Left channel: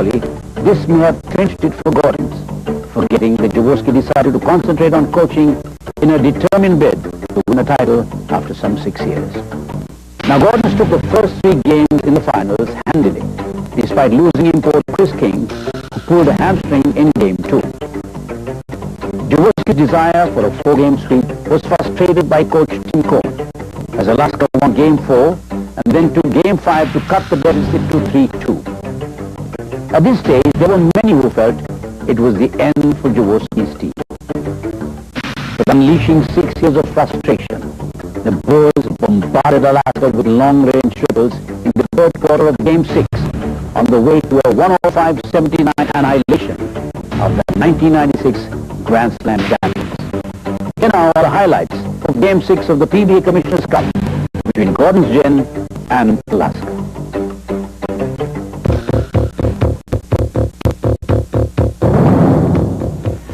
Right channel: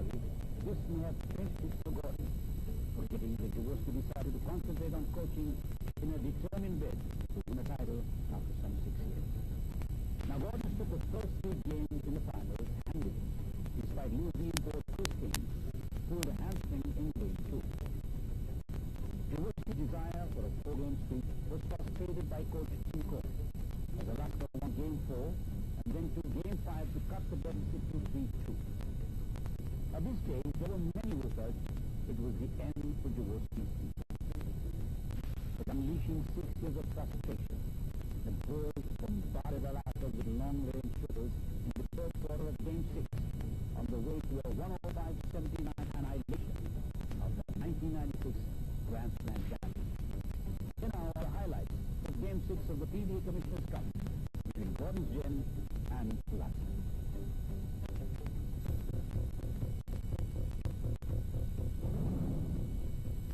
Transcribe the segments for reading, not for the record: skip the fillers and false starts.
Ironically, this may have clinched it for Gordons, forgetting that Jaworski decided to concentrate on coaching in a determined bid to win a title after some 6 years. Now Gordons took the first 3 games in the finals handily, despite losing import Chris King, who pulled a hamstring in Game 2. Jaworski's desire for a 4-game sweep was frustrated by coach Tim Cohn, as Alaska won Game 4 and then took Game 5 to cut the deficit to 3-2. At this stage, there were many who felt it was the end for Jaworski's team. But unleashing 6 years of frustration, the Boars bombarded Alaska with long-range triples in the third quarter of Game 6 on the way to a 105-79 annihilation of the 1996 Grand Slam champions. Here now are the highlights of Game 6 of the PBA Commissioner's Cup between Gordon's Gin and Alaska.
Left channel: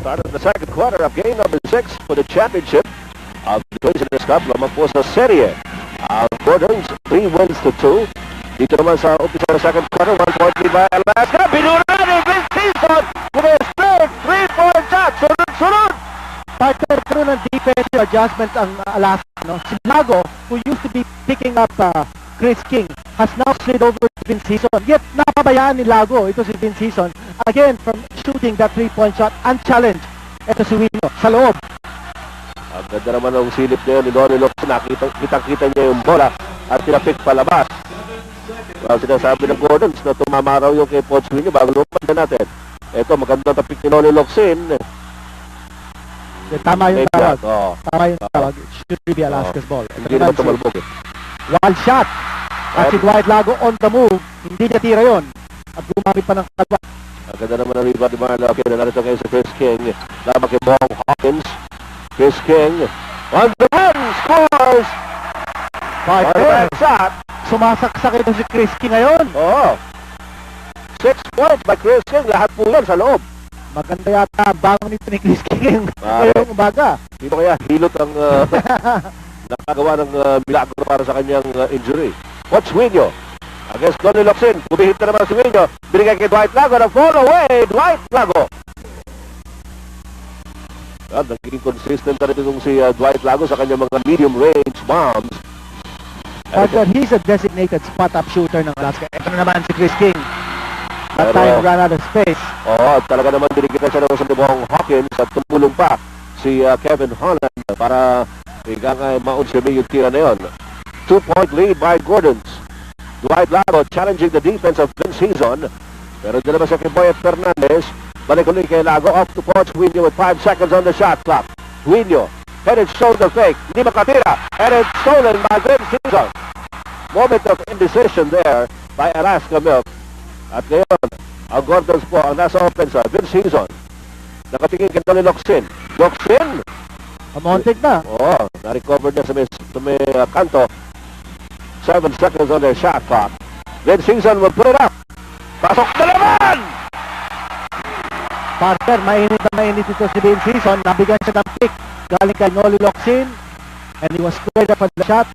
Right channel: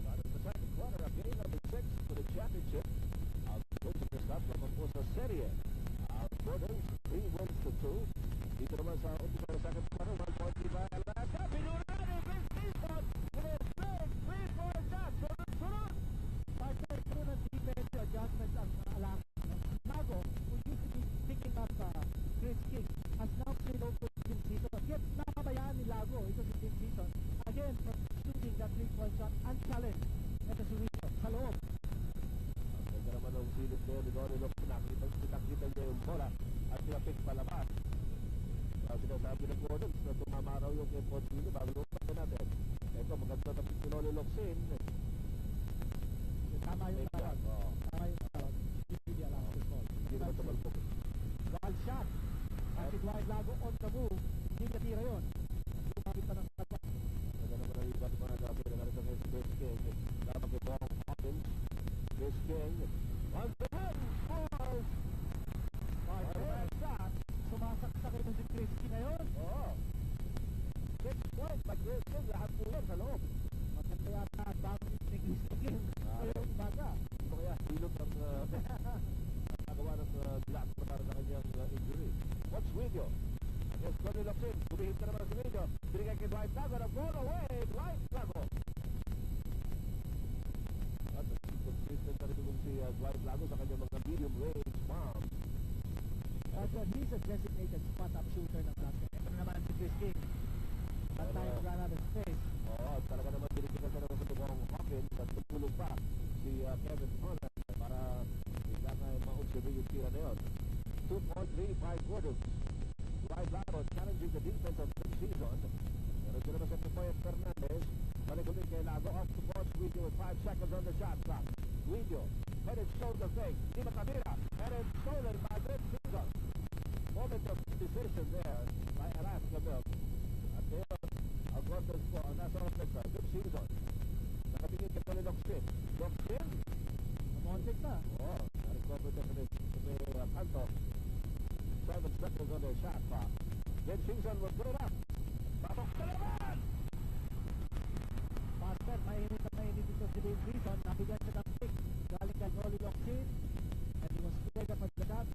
Started the second quarter of game number 6 for the championship of the Commissioner's Cup. Lamang po sa serye. Gordon's 3 wins to 2. Dito naman sa umpisa ng second quarter, 1 point lead by Alaska. Binura ni Vince Season with a straight 3-point shot. Sunod! Partner, karoon ng defensive adjustment ang Alaska. No? Si Lago, who used to be picking up Chris King, has now slid over to Vince Season. Yet, napabayaan ni Lago, ito si Vince Season, again, from shooting that 3-point shot, unchallenged. Ito si Wino, sa loob. Ang ganda naman ng silip na yun ni Donnie Locke. Kitang-kita niya yung bola at pinapik palabas. Well, sinasabi ng Gordons na tumama raw yung kay Poch Wino bago lumpan na natin. Ito, maganda tapik ni Donnie Locke. Tama yung tawag. Tama yung tawag. Should be Alaska's ball. Hindi naman tumalbog. Wild shot. At si Dwight Lago on the move. Hindi niya tira yun. At gumamit pa ng kalwa. Ang ganda naman ang rebound ni Marlo. Okay, narito kayo sa Chris King. Laban kay Bong Hawkins. Chris King on the run. Scores! Partner shot. Sumasaksak ito si Chris King ngayon. Oo. 6 points by Chris King. Lahat po yan sa loob. Maganda yata ang bangon nito ni Chris King ngayong umaga. Dito kaya hilot ang nakagawa ng milagro para sa kanyang injury. Watch Wino against Donnie Locke. Bumihit na naman si Wino. Binigay kay Dwight Lago na fall away. Dwight Lago. Naging consistent na rin itong si Dwight Lago sa kanyang mga medium range bombs. But he's a designated spot-up shooter ng Alaska. Ito na naman si Chris King. That time ran out of space. Oo, talaga naman dinigitan siya naman sa Bong Hawkins at tumulong pa si Kevin Holland para maunsimin yung tira na yun. 2-point lead by Gordons. Dwight Lago challenging the defense of Vince Season. Pero dyan naman sa kay Boyet Fernandez. Balik ulit kay Lago off to Poch Wino with 5 seconds on the shot clock. Wino headed shoulder fake. Hindi makatira. Headed stolen by Vince Season. Moment of indecision there by Alaska Milk. At ngayon, ang Gordons po ang nasa offense. Vince Season. Nakatingin kay Donnie Locke. Locke. Amontig na. Oo, na-recover na sa may kanto. 7 seconds on their shot clock. Vince Season will put it up. Pasok na naman! Partner, mainit na mainit ito si Vince Season. Nabigyan siya ng pick. Galing kay Noli Locsin. And he was squared up at the shot.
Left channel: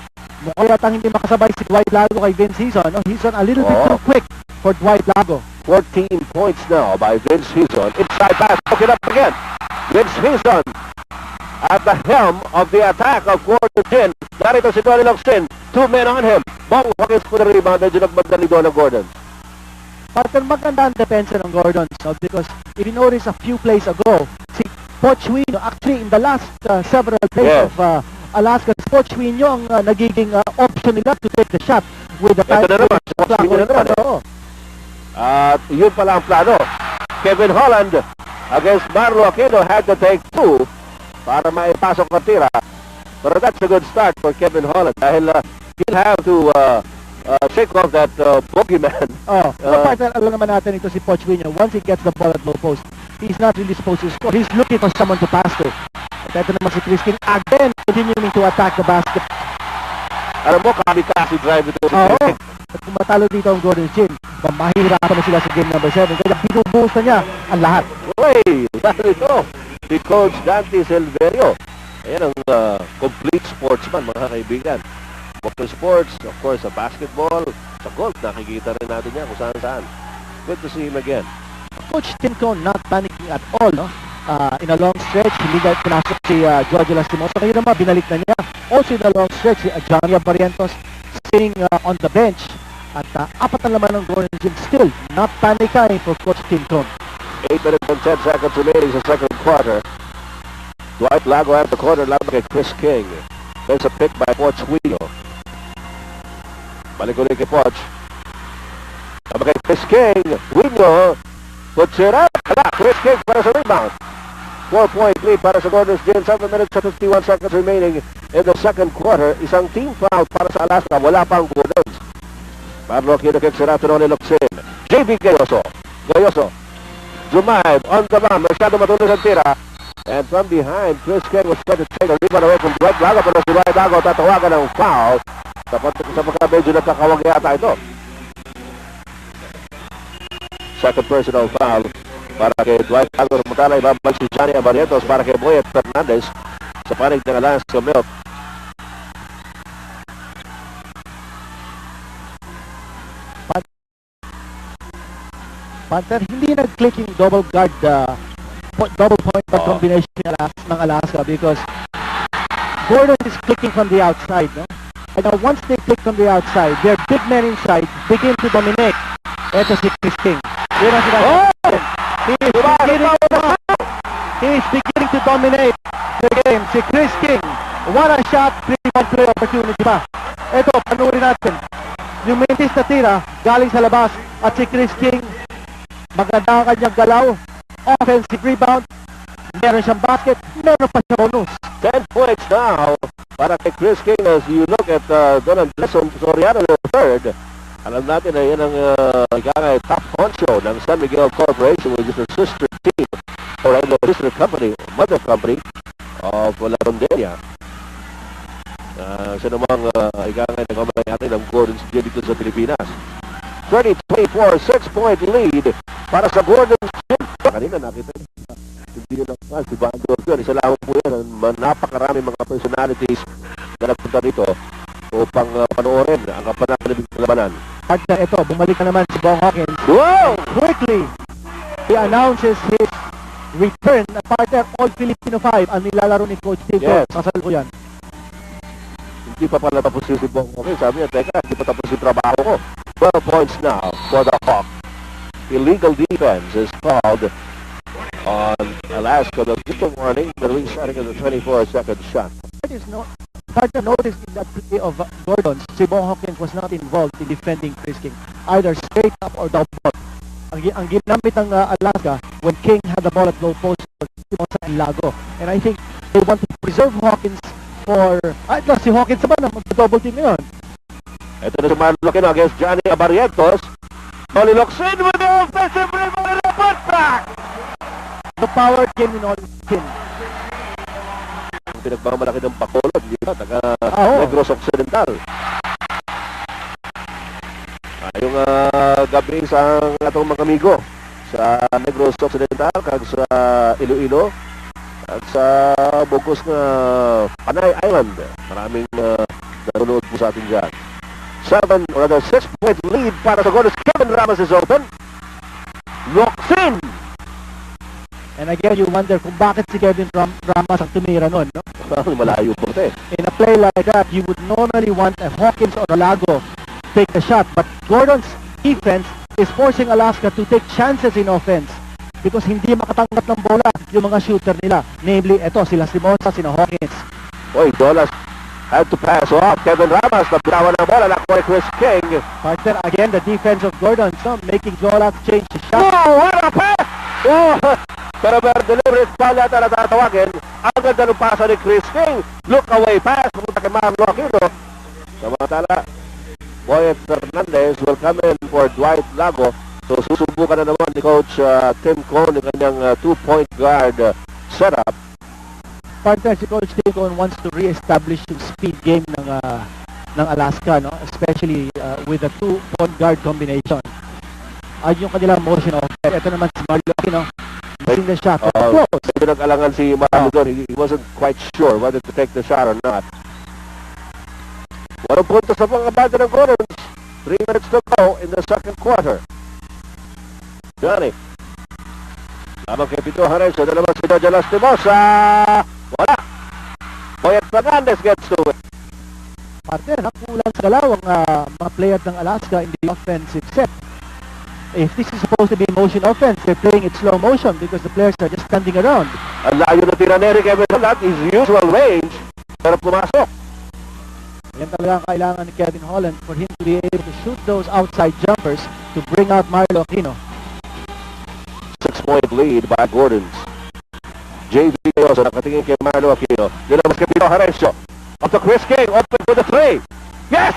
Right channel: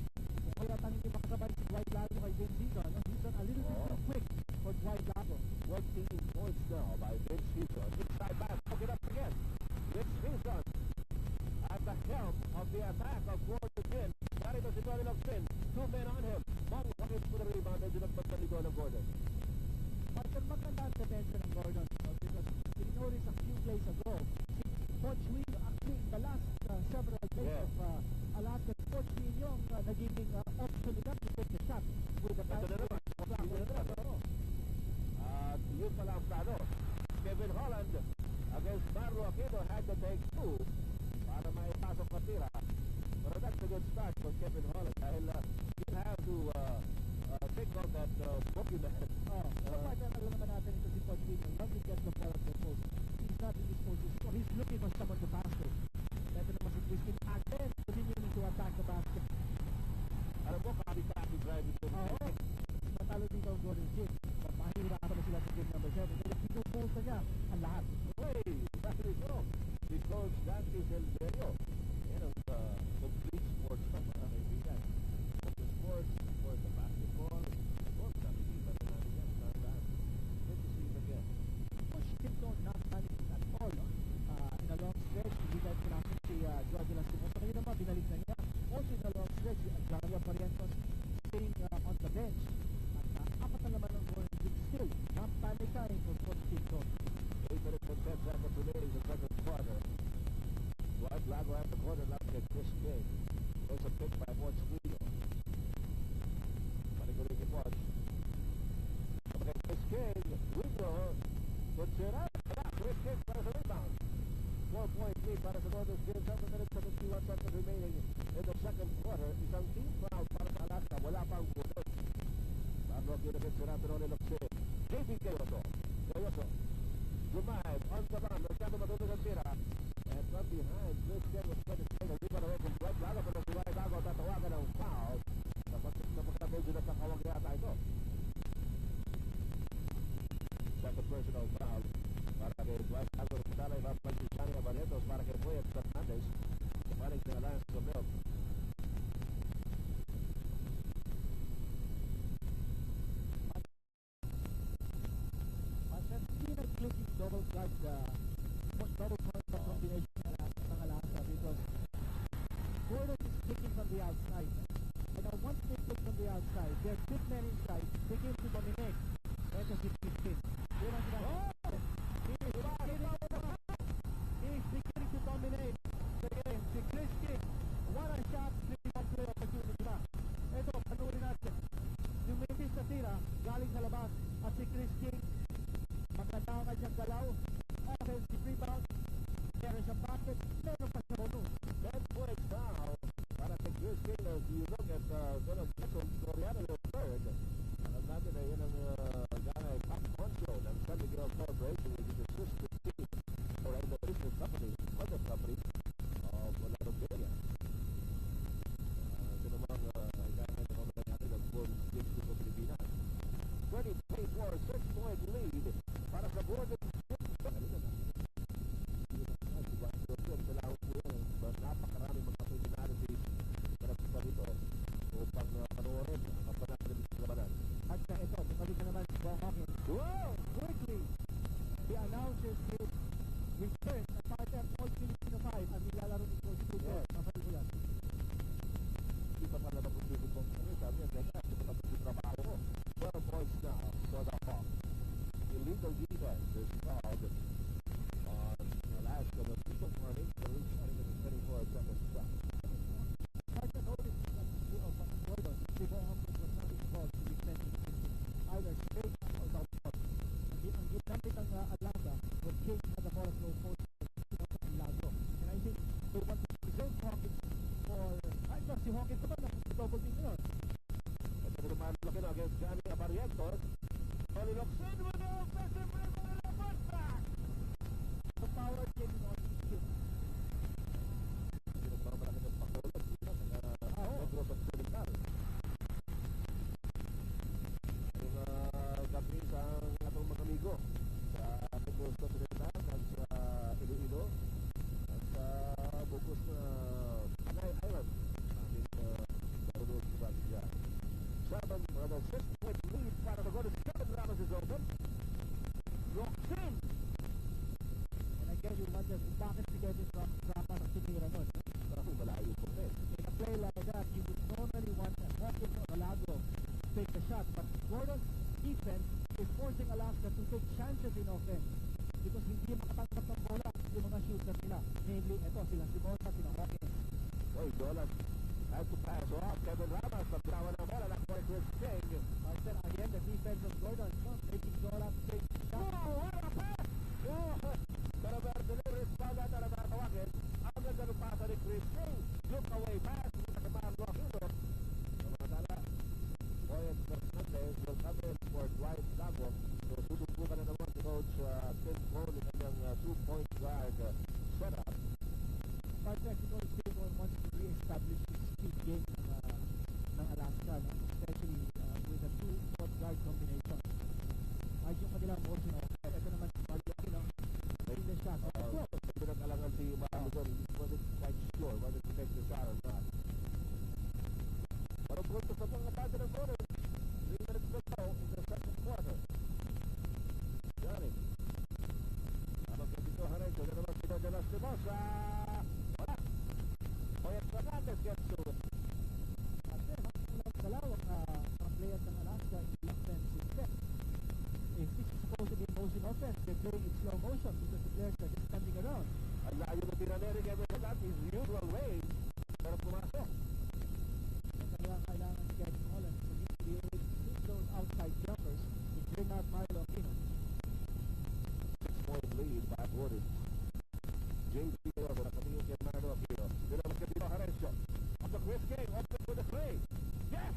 Mukhang yatang hindi makasabay si Dwight Lago kay Vince Season. No? He's a little bit too quick for Dwight Lago. 14 points now by Vince Season. Inside pass, look it up again. Vince Season at the helm of the attack of Gordon Gin. Narito si Donnie Locke. 2 men on him. Bong Hawkins for the rebound. Medyo nagmagdali doon ng Gordon. Partner, maganda ang depensa ng Gordon. So, because if you notice a few plays ago, si Poch Wino, actually in the last several plays of Alaska, Poch Wino ang nagiging option nila to take the shot with the time. Ito na naman. At yun pala ang plano. Kevin Holland against Marlo Aquino had to take 2 para maipasok na tira. But that's a good start for Kevin Holland dahil he'll have to shake off that bogeyman. Partner, alam naman natin ito si Poch Wino. Once he gets the ball at low post, he's not really supposed to score. He's looking for someone to pass to. At ito naman si Chris King again continuing to attack the basket. Alam mo, kamikaze drive ito si Chris King. At kung matalo dito ang Gordon Gin, mahihirapan na sila sa game number 7. Kaya binubuhos na niya ang lahat. Uy, dahil ito, si Coach Dante Silverio. Ayan ang complete sportsman, mga kaibigan. Water sports, of course, sa basketball, sa golf, nakikita rin natin yan kung saan-saan. Good to see him again. Coach Tinko not panicking at all, no? In a long stretch, hindi na pinasok si Giorgio Lastimosa. Ngayon naman, binalik na niya. Also in a long stretch, si Johnny Barrientos sitting on the bench. At apat na laman ng Gordon Gin. Still, not panicking for Coach Tinko. 8 minutes and 10 seconds remaining sa second quarter. Dwight Lago at the corner, laban kay Chris King. There's a pick by Poch Wheelo. Balik ulit kay Poch. Laban kay Chris King. Wheelo puts it up. Chris King para sa rebound. 4-point lead para sa Gordon's Gin. 7 minutes and 51 seconds remaining in the second quarter. Isang team foul para sa Alaska. Wala pang Gordons. Pablo kinakik si Ratonone Luxin. JB Gayoso. Zumaib on the run. Masyado matuloy ang tira. And from behind, Chris King was trying to take a rebound away from Dwight Lago. Pero si Dwight Lago tatawagan ng foul. Sa pagka-medyo nakakawag yata ito. Second personal foul para kay Dwight Lago. Mutala ibabalik si Johnny Barrientos para kay Boyet Fernandez sa panig ng Alaska Milk. Panther, hindi nag-clicking double guard, double point guard combination ng Alaska because Gordon is clicking from the outside, no? And now once they click from the outside, their big men inside begin to dominate. Ito si Chris King. He is beginning to dominate the game. Si Chris King, what a shot, 3-on-3 opportunity pa. Ito, panurin natin. Yung mintis na tira, galing sa labas, at si Chris King, maganda ang kanyang galaw, offensive rebound, meron siyang basket, meron pa siya bonus. 10 points now para kay Chris King as you look at Don Andreson Soriano III. Alam natin na yan ang top honcho ng San Miguel Corporation, which is a sister team or a sister company, mother company of La Rondelia. Siya namang nagkamay natin ng Gordon's Gin dito sa Pilipinas. 30-24, 6-point lead para sa Gordon's Gin. Kanina nakita hindi nyo lang si Bandor yun. Isa lang po yan. Napakarami mga personalities na nagpunta dito upang panoorin ang kapanakalinig ng labanan. At ito, bumalik na naman si Bong Hawkins. Wow! Quickly, he announces his return na partner All-Filipino 5 ang nilalaro ni Coach Tito. Yes. Kasalukuyan. Hindi pa pala tapos si Bong Hawkins. Sabi niya, teka, hindi pa tapos yung trabaho ko. 12 points now for the Hawk. Illegal defense is called on Alaska. The just warning, the restarting of the 24-second shot. Carter noticed in that play of Gordon's, si Bong Hawkins was not involved in defending Chris King, either straight up or down post. Ang ginamit ng Alaska when King had the ball at low post was sa Lago. And I think they want to preserve Hawkins for... si Hawkins naman, mag-double team ngayon. Ito na si Marloquin against Johnny Barrientos. Oli Luxin with the offensive rebound and a putback! The power game in Olin. Pinagmamalaki ng Bacolod, hindi ba? Taga Negros Occidental. Yung gabi sa atong mga amigo sa Negros Occidental, kag sa Iloilo, at sa Bugos na Panay Island. Maraming nanonood po sa atin dyan. 6-point lead para sa Gordon's. Kevin Ramos is open. Luxin! And again, you wonder kung bakit si Kevin Ramos ang tumira nun, no? Malayo po ito eh. In a play like that, you would normally want a Hawkins or a Lago take the shot. But Gordon's defense is forcing Alaska to take chances in offense because hindi makatanggap ng bola yung mga shooter nila. Namely, eto, sila Simosa, sina Hawkins. Oy, Dolas had to pass off. Kevin Ramos, nabitawan ng bola. Nakuha Chris King. Partner, again, the defense of Gordon, so making Jolas change the shot. Oh, what a pass! Oh, pero deliberate foul yata na tatawagin. Ang ganda ng pasa ni Chris King. Look away pass. Pumunta kay Marloquin. Samantala, Boyet Fernandez will come in for Dwight Lago. So susubukan na naman ni Coach Tim Cohn ng kanyang 2-point guard setup. Partner, si Coach Tim Cohn wants to re-establish yung speed game ng Alaska, no? Especially with the 2-point guard combination. Ay yung kanilang motion of ito naman si Marloquin, no? Missing the shot. Close. Medyo nag-alangan si Marloquin. He wasn't quite sure whether to take the shot or not. Walang punto sa mga banda ng Gordons. 3 minutes to go in the second quarter. Johnny. Lamang kay Pito Harencio. Na naman si Jojo Lastimosa. Wala. Boyet Fernandez gets to it. Partner, kulang sa galaw ang mga players ng Alaska in the offensive set. If this is supposed to be motion offense, they're playing it slow motion because the players are just standing around. Ang layo na tira ni Eric Evan at his usual range. Pero pumasok. Yan talaga ang kailangan ni Kevin Holland for him to be able to shoot those outside jumpers to bring out Marlo Aquino. 6-point lead by Gordons. JV Cayoso nakatingin kay Marlo Aquino. Nilabas kay Pito Harencio. Up to Chris King, open for the 3. Yes!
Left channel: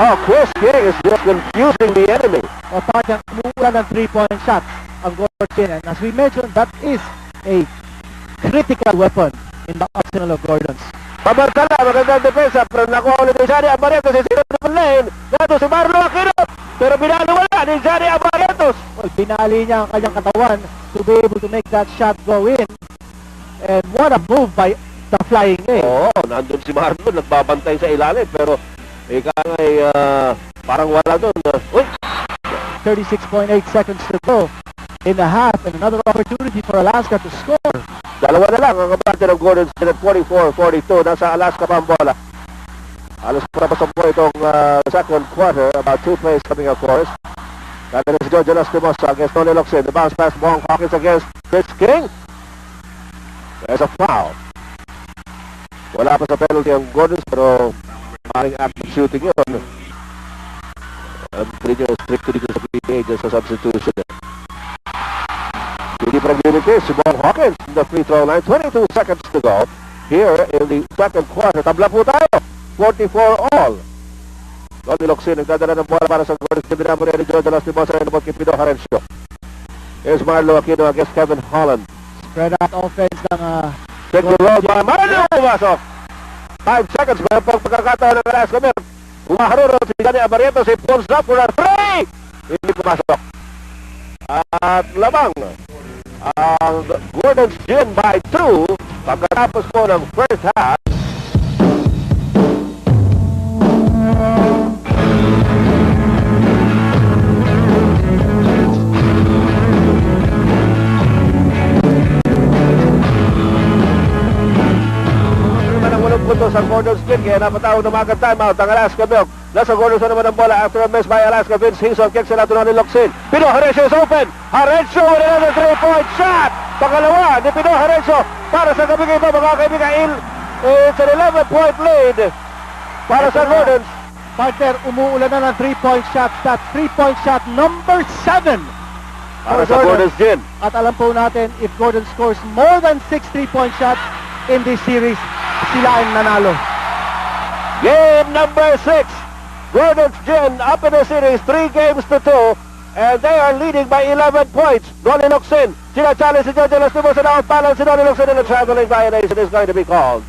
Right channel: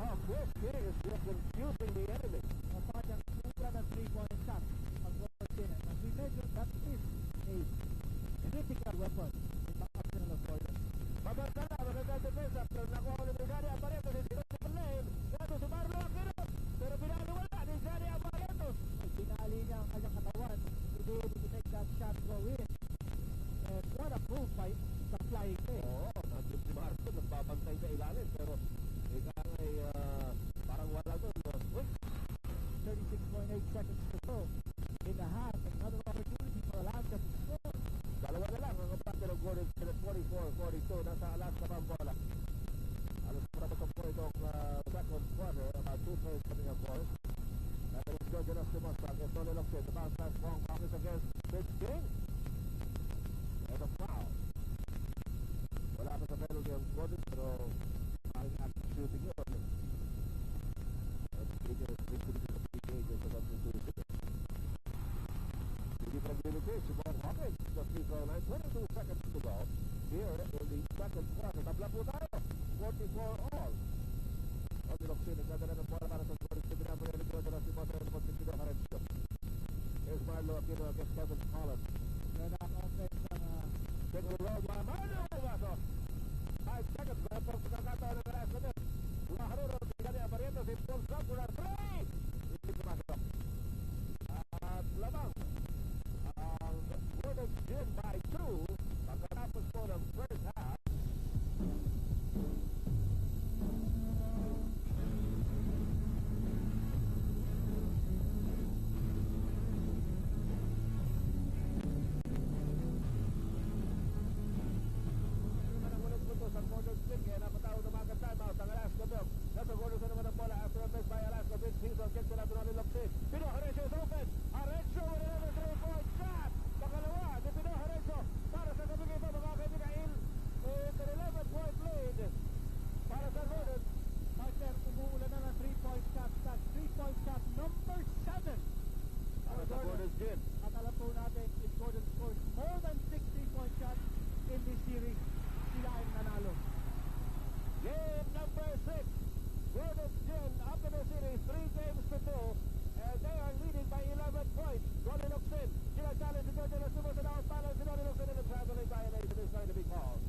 Oh, Chris King is just confusing the enemy. O parang umuulan ng 3-point shots ang Gordon. And as we mentioned, that is a critical weapon in the arsenal of Gordons. Pabantala, magandang depensa, pero nakuha ulit ni Johnny Abarrientos, si Zero Lane, nato si Marlo Aquino, pero binaliwala ni Johnny Abarrientos. Well, binali niya ang kanyang katawan to be able to make that shot go in. And what a move by the flying A. Oo, nandun si Marlo, nagbabantay sa ilalim, pero ika ngay parang wala doon. Uy! 36.8 seconds to go in the half, and another opportunity for Alaska to score. Dalawa na lang ang kabante ng Gordons at 44-42. Nasa Alaska pa ang bola. Alas papasok po itong second quarter. About 2 plays coming of course. Kaya si Jojo Lastimosa against Tony Locsin. The bounce pass Bong Hawkins against Chris King. There's a foul. Wala pa sa penalty ang Gordons, pero maaaring active shooting yun. Hindi nyo strict dito sa PBA dyan sa substitution. Hindi pa nag-unity si Bong Hawkins in the free throw line. 22 seconds to go here in the second quarter. Tabla po tayo. 44 all. Tony Locsin nagdadala ng bola para sa Gordons. Dinamo rin ni Jojo Lastimosa na naman kay Pito Harencio. Here's Marlo Aquino against Kevin Holland. Spread out offense ng Take the road by Marlo. Pumasok. 5 seconds. Mayroon pang pagkakataon ng Alaska Milk. Umaharuro si Johnny Abarrientos. He pulls up for a 3. Hindi pumasok. At lamang ang Gordon's Gin by 2 pagkatapos po ng first half. Puntos ang Gordon's Gin, kaya napatawag na mga timeout ang Alaska Milk. Nasa Gordon's naman ang bola after a miss by Alaska. Vince Hison kicks it out to Tony Locsin. Pino Harencio is open. Harencio with another 3-point shot. Pangalawa ni Pino Harencio para sa gabi ito mga kaibigan. It's an 11-point lead para sa Gordon's. Partner, umuulan na ng 3-point shot. That 3-point shot number 7 para sa Gordon's Gin. At alam po natin, if Gordon scores more than 6 3-point shots in this series, sila ay nanalo. Game number 6. Gordon's Gin up in the series 3-2, and they are leading by 11 points. Tony Locsin, sinachallenge si Jojo Lastimosa na off-balance si Tony Locsin, and a traveling violation is going to be called.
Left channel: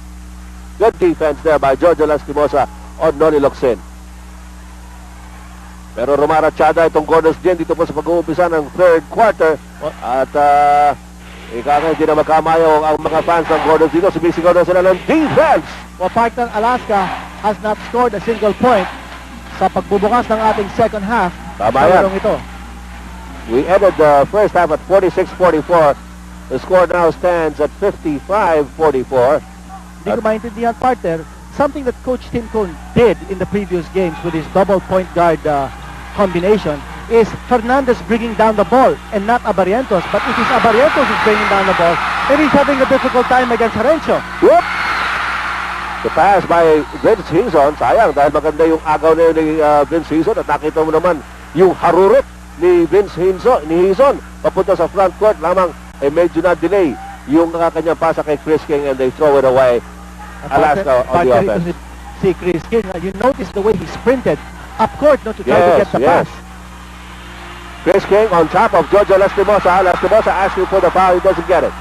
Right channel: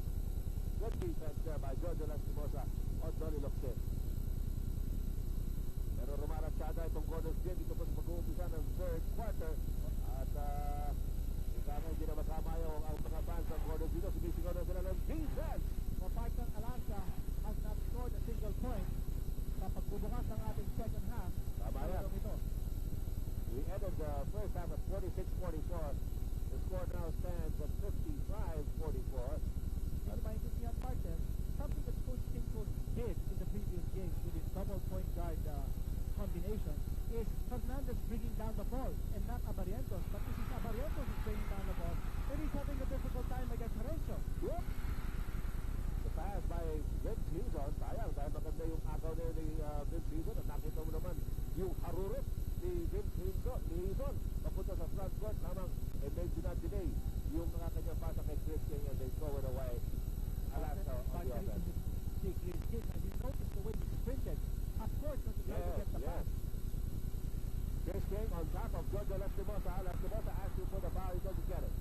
Good defense there by Jojo Lastimosa on Tony Locsin. Pero rumaratsyada itong Gordon's Gin dito po sa pag-uumpisa ng third quarter. At hindi na magkamayaw ang mga fans ng Gordons dito. Sumisigaw na sila ng defense. Well, partner, Alaska has not scored a single point sa pagbubukas ng ating second half. Tama yan. Ito. We ended the first half at 46-44. The score now stands at 55-44. Hindi ko maintindihan, partner, something that Coach Tim Cone did in the previous games with his double point guard combination is Fernandez bringing down the ball and not Abarrientos. But if it's Abarrientos who's bringing down the ball, then he's having a difficult time against Harencio. Whoop! The pass by Vince Hison. Sayang dahil maganda yung agaw na yun ni Vince Hison. At nakita mo naman yung harurot ni Vince Hison. Papunta sa front court lamang ay medyo na-delay yung kanyang pasa kay Chris King, and they throw it away. Alaska on the offense. See Chris King, you notice the way he sprinted up court not to try to get the pass. Chris King on top of Jojo Lastimosa. Lastimosa asking for the foul. He doesn't get it.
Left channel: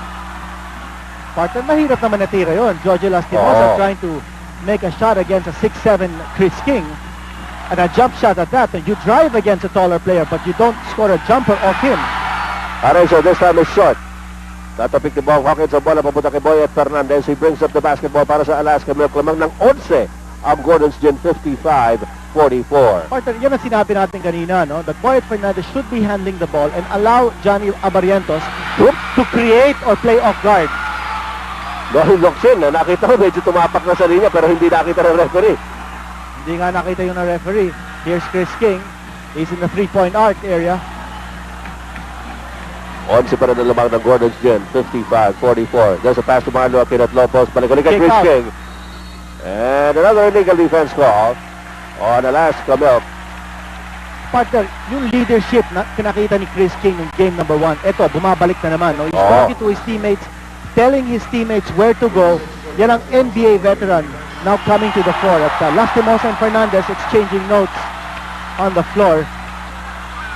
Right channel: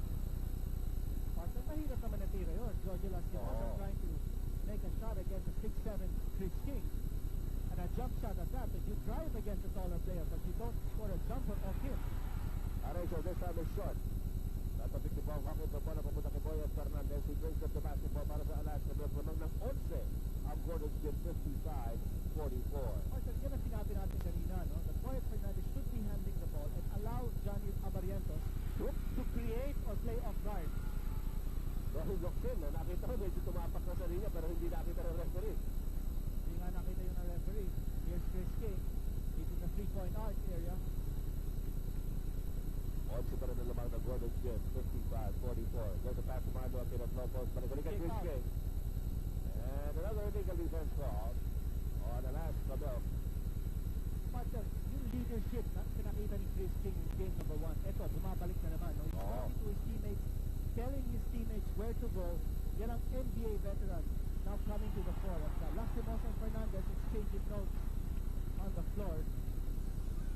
Partner, mahirap naman natira yun. Jojo Lastimosa trying to make a shot against a 6'7" Chris King. And a jump shot at that. And you drive against a taller player, but you don't score a jumper off him. Harencio this time is short. Tatapik ni Bong Hawkins ang bola papunta kay Boyet Fernandez. He brings up the basketball para sa Alaska Milk. Lamang ng 11 ang Gordon's Gin, 55 55-44. Partner, yan ang sinabi natin kanina, no? That Boyet Fernandez should be handling the ball and allow Johnny Abarientos to create or play off guard. Dahil Loksin, nakita ko medyo tumapak na sa linya pero hindi nakita ng referee. Hindi nga nakita yung na referee. Here's Chris King. He's in the 3-point arc area. 11 pa rin ang lamang ng Gordon's Gin. 55-44. There's a pass to Marlo Aquino at low post. Balik-ulit kay Kick Chris out. King. And another illegal defense call on Alaska Milk. Partner, yung leadership na pinakita ni Chris King ng game number 1, eto, bumabalik na naman. No? He's Oo. talking to his teammates, telling his teammates where to go. Yan ang NBA veteran now coming to the floor. At Lastimosa and Fernandez exchanging notes on the floor.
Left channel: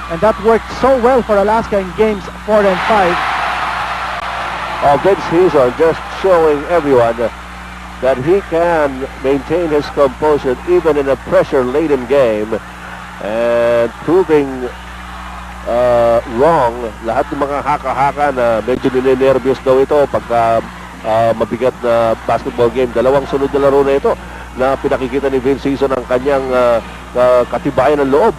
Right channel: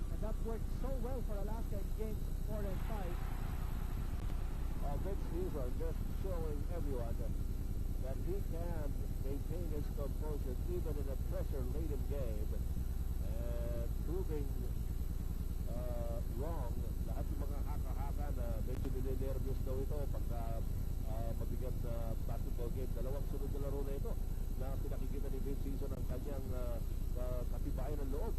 And that worked so well for Alaska in games 4 and 5. Vince Hazel just showing everyone that he can maintain his composure even in a pressure-laden game and proving wrong lahat ng mga haka-haka na medyo ninenervyos daw ito pagka mabigat na basketball game. Dalawang sunod na laro na ito na pinakikita ni Vince Hazel ang kanyang katibayan ng loob.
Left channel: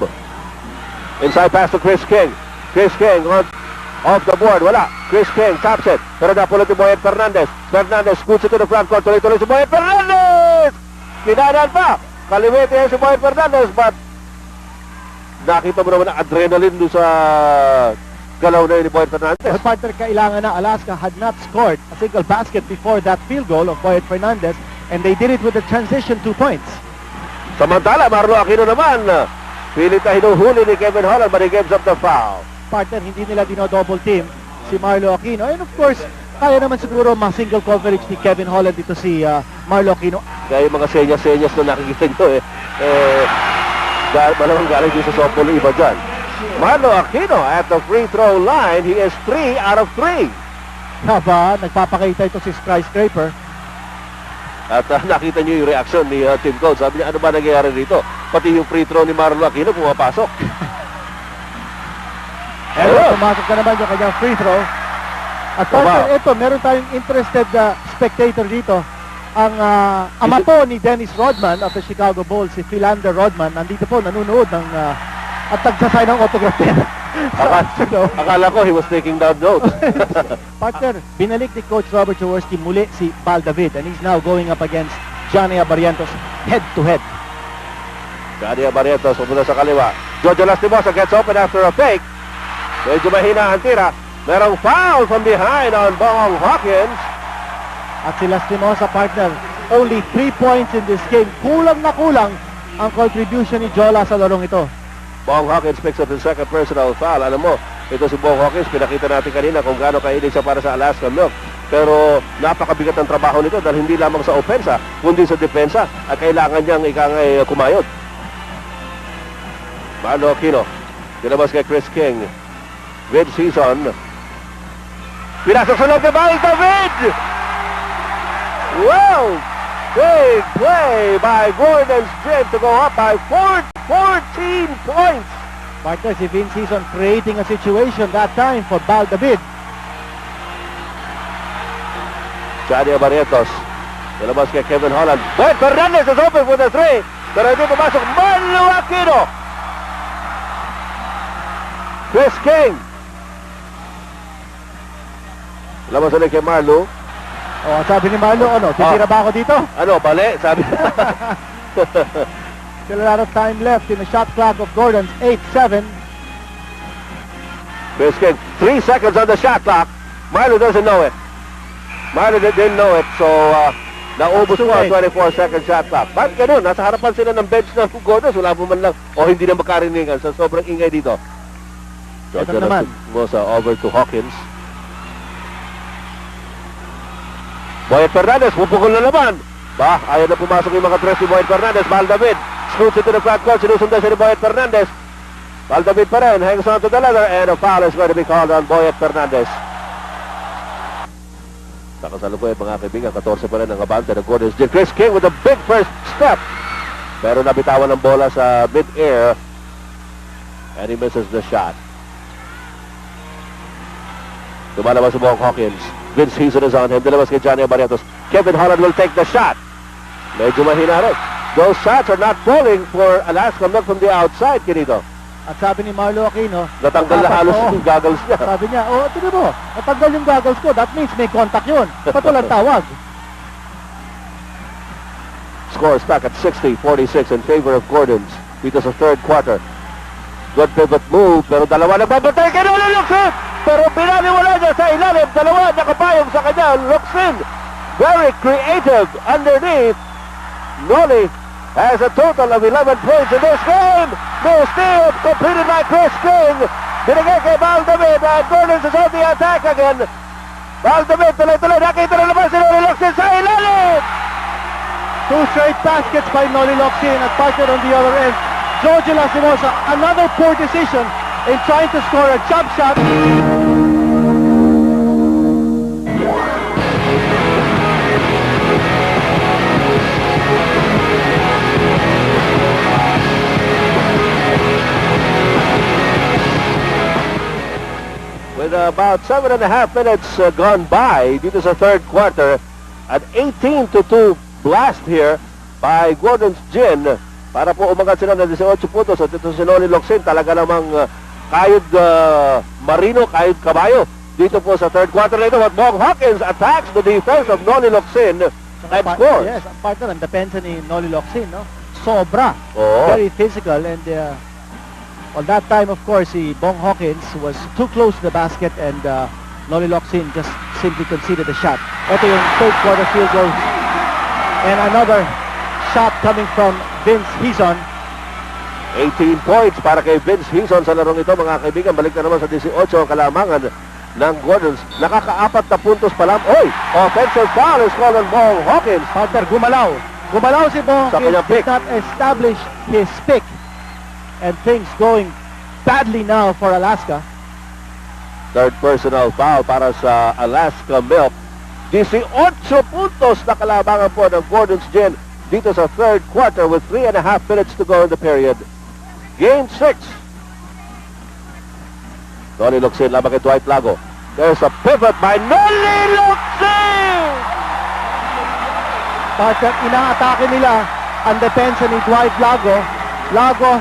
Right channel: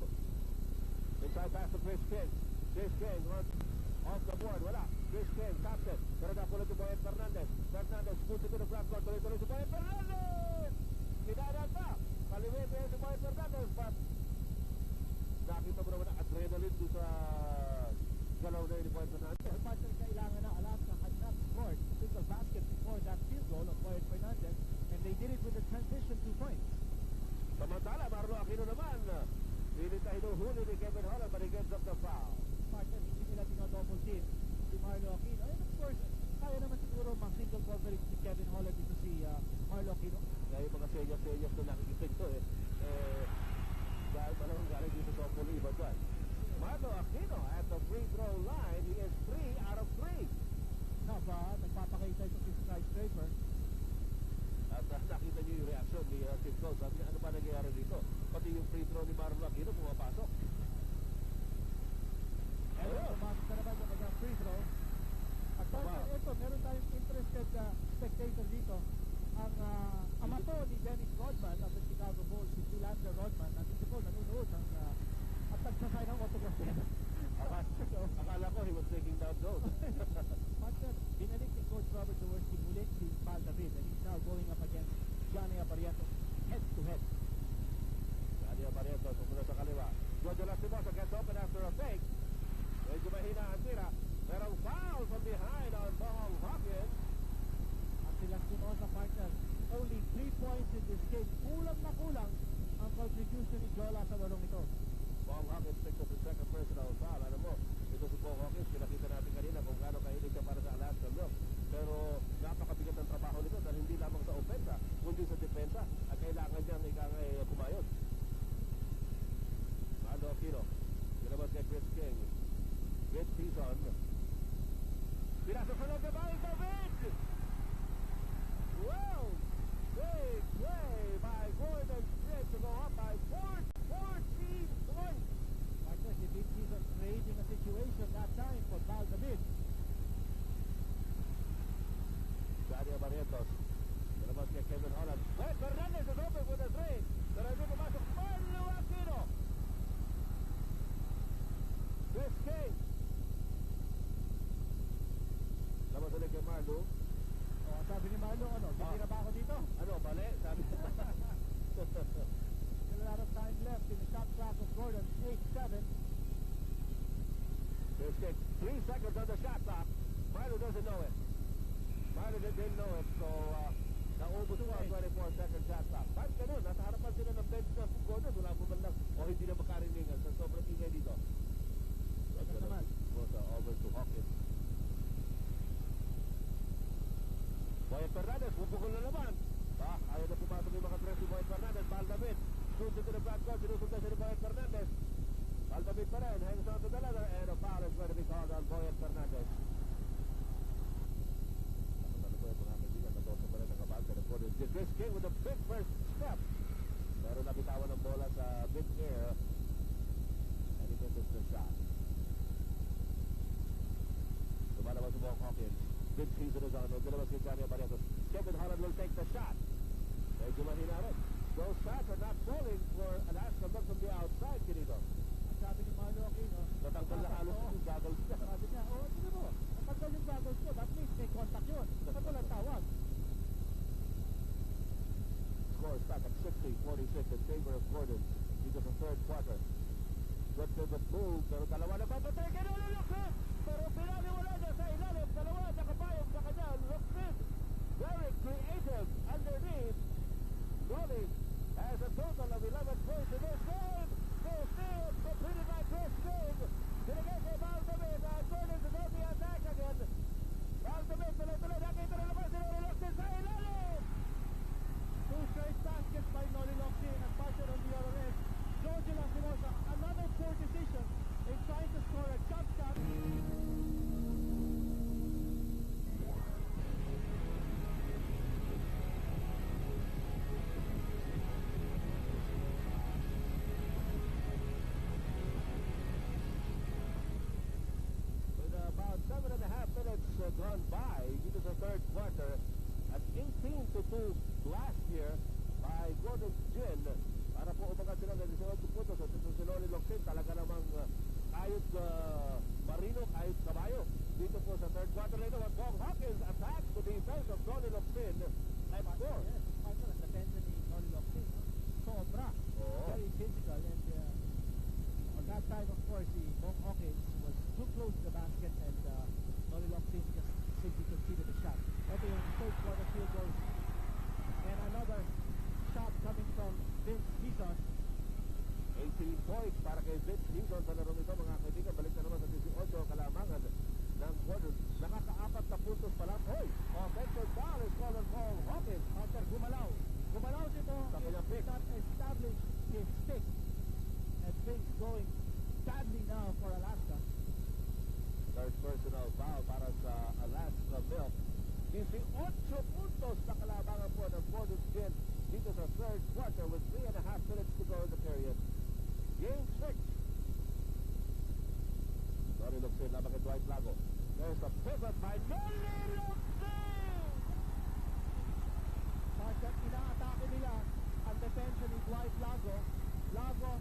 Inside pass to Chris King. Chris King off the board. Wala. Chris King taps it. Pero napulot ni Boyet Fernandez. Fernandez scoots it to the front court. Tuloy-tuloy si Boyet Fernandez! Kinanan pa. Kalimete yan si Boyet Fernandez. But nakita mo naman ang adrenaline doon sa galaw na yun ni Boyet Fernandez. But partner, kailangan na. Alaska had not scored a single basket before that field goal of Boyet Fernandez. And they did it with the transition 2 points. Samantala, Marlo Aquino naman. Pilit na hinuhuli ni Kevin Holland but he gives up the foul. Partner, hindi nila dino-double team si Marlo Aquino. And of course, kaya naman siguro ma-single coverage ni Kevin Holland dito si Marlo Aquino. Kaya yung mga senyas-senyas na nakikita nyo malamang galing din sa softball iba dyan. Marlo Aquino at the free throw line, he is 3 out of 3. Haba, nagpapakita ito si Skyscraper. At nakita nyo yung reaction ni Tim Coates. Sabi niya, ano ba nangyayari dito? Pati yung free throw ni Marlo Aquino pumapasok. Pero pumasok na naman yung kanyang free throw. At partner, ito, meron tayong interested spectator dito. Ang ama po ni Dennis Rodman of the Chicago Bulls, si Philander Rodman, nandito po, nanonood ng at nagsasay ng autograph pen. Akala ko he was taking down notes. Partner, binalik ni Coach Robert Jaworski muli si Val David and he's now going up against Johnny Abarientos head-to-head. Johnny Abarientos pumunta sa kaliwa. Jojo Lastimosa gets open after a fake. Medyo mahina ang tira. Merong foul from behind on Bong Hawkins. At si Lastimosa, partner, only 3 points in this game. Kulang na kulang ang contribution ni Jola sa larong ito. Bong Hawkins picks up his second personal foul. Alam mo, ito si Bong Hawkins, pinakita natin kanina kung gaano kainig siya para sa Alaska Milk. Pero napakabigat ng trabaho nito dahil hindi lamang sa opensa, kundi sa depensa at kailangan niyang ikangay kumayod. Marlo Aquino, dinabas kay Chris King. Mid-season. Pinasok sa loob ni Val David! Wow! Big play by Gordon's Gin to go up by 14 points. Partner, si Vince Season creating a situation that time for Val David. Johnny Abarientos. Nalabas kay Kevin Holland. Boyet Fernandez is open for the 3. Pero hindi pumasok. Marlo Aquino. Chris King. Nalabas ulit kay Marlo. Oh, sabi ni Marlo, ano, titira ba ako dito? Ano, bali? Sabi. Still a lot of time left in the shot clock of Gordon's 8-7. Chris King, 3 seconds on the shot clock. Marlo doesn't know it. Marlo didn't know it, so naubos mo ang 24-second shot clock. Bakit ganun? Nasa harapan sila ng bench ng Gordons. Wala mo man lang, o hindi na makarinigan sa sobrang ingay dito. Ito naman. Mosa over to Hawkins. Boyet Fernandez, pupukol na naman. Ba, ayaw na pumasok yung mga tres ni Boyet Fernandez. Val David, scoots into the front court. Sinusundan siya ni Boyet Fernandez. Val David pa rin, hangs on to the leather, and a foul is going to be called on Boyet Fernandez. Nakasalukuyan mga kaibigan, 14 pa rin ang abante ng Gordon's Gin. Chris King with a big first step. Pero nabitawan ng bola sa mid-air. And he misses the shot. Lumalabas si Bong Hawkins. Vince Hazel is on him. Dilabas kay Johnny Abarientos. Kevin Holland will take the shot. Medyo mahina rin. those shots are not falling for Alaska Milk from the outside, Kinito. At sabi ni Marlo Aquino, Natanggal na halos yung goggles niya. sabi niya, tignan mo, natanggal yung goggles ko. That means may contact yun. Ba't walang tawag? Score is back at 60-46 in favor of Gordons dito sa third quarter. Good pivot move, pero dalawa nagbabatay kay Noli Locsin. Pero pinaniwala niya sa ilalim, dalawa nakapayong sa kanya. Locsin, very creative underneath. Noli has a total of 11 points in this game. No steal, completed by Chris King. Binigay kay Valdemid, and Gordons is on the attack again. Valdemid, tuloy-tuloy, nakita na naman si Noli Locsin sa ilalim. Two straight baskets by Noli Locsin at partner on the other end. George Lastimosa, another poor decision in trying to score a jump shot. With about 7.5 minutes gone by dito sa third quarter, at 18-2 blast here by Gordon's Gin para po umangat sila ng 18 puntos. At ito si Noli Locsin, talaga namang kayod marino, kayod kabayo dito po sa third quarter na ito. But Bong Hawkins attacks the defense of Noli Locsin and scores. Yes, ang partner ang depensa ni Noli Locsin, no? Sobra. Oo. Very physical, and on that time, of course, si Bong Hawkins was too close to the basket, and Noli Locsin just simply conceded the shot. Ito yung third quarter field goal. And another shot coming from Vince Hizon. 18 points para kay Vince Hizon sa larong ito, mga kaibigan. Balik na naman sa 18 ang kalamangan ng Gordons. Nakaka-4 na puntos pa lang. Oy! Offensive foul is called on Bong Hawkins. Partner, gumalaw. Gumalaw si Bong Sa kanyang Hawkins, pick. did not establish his pick. And things going badly now for Alaska. Third personal foul para sa Alaska Milk. 18 puntos na kalabangan po ng Gordon's Gin dito sa third quarter with 3.5 minutes to go in the period. Game 6. Noli Locsin laban kay Dwight Lago. There's a pivot by Noli Locsin! Partner, inaatake nila ang depensa ni Dwight Lago. Lago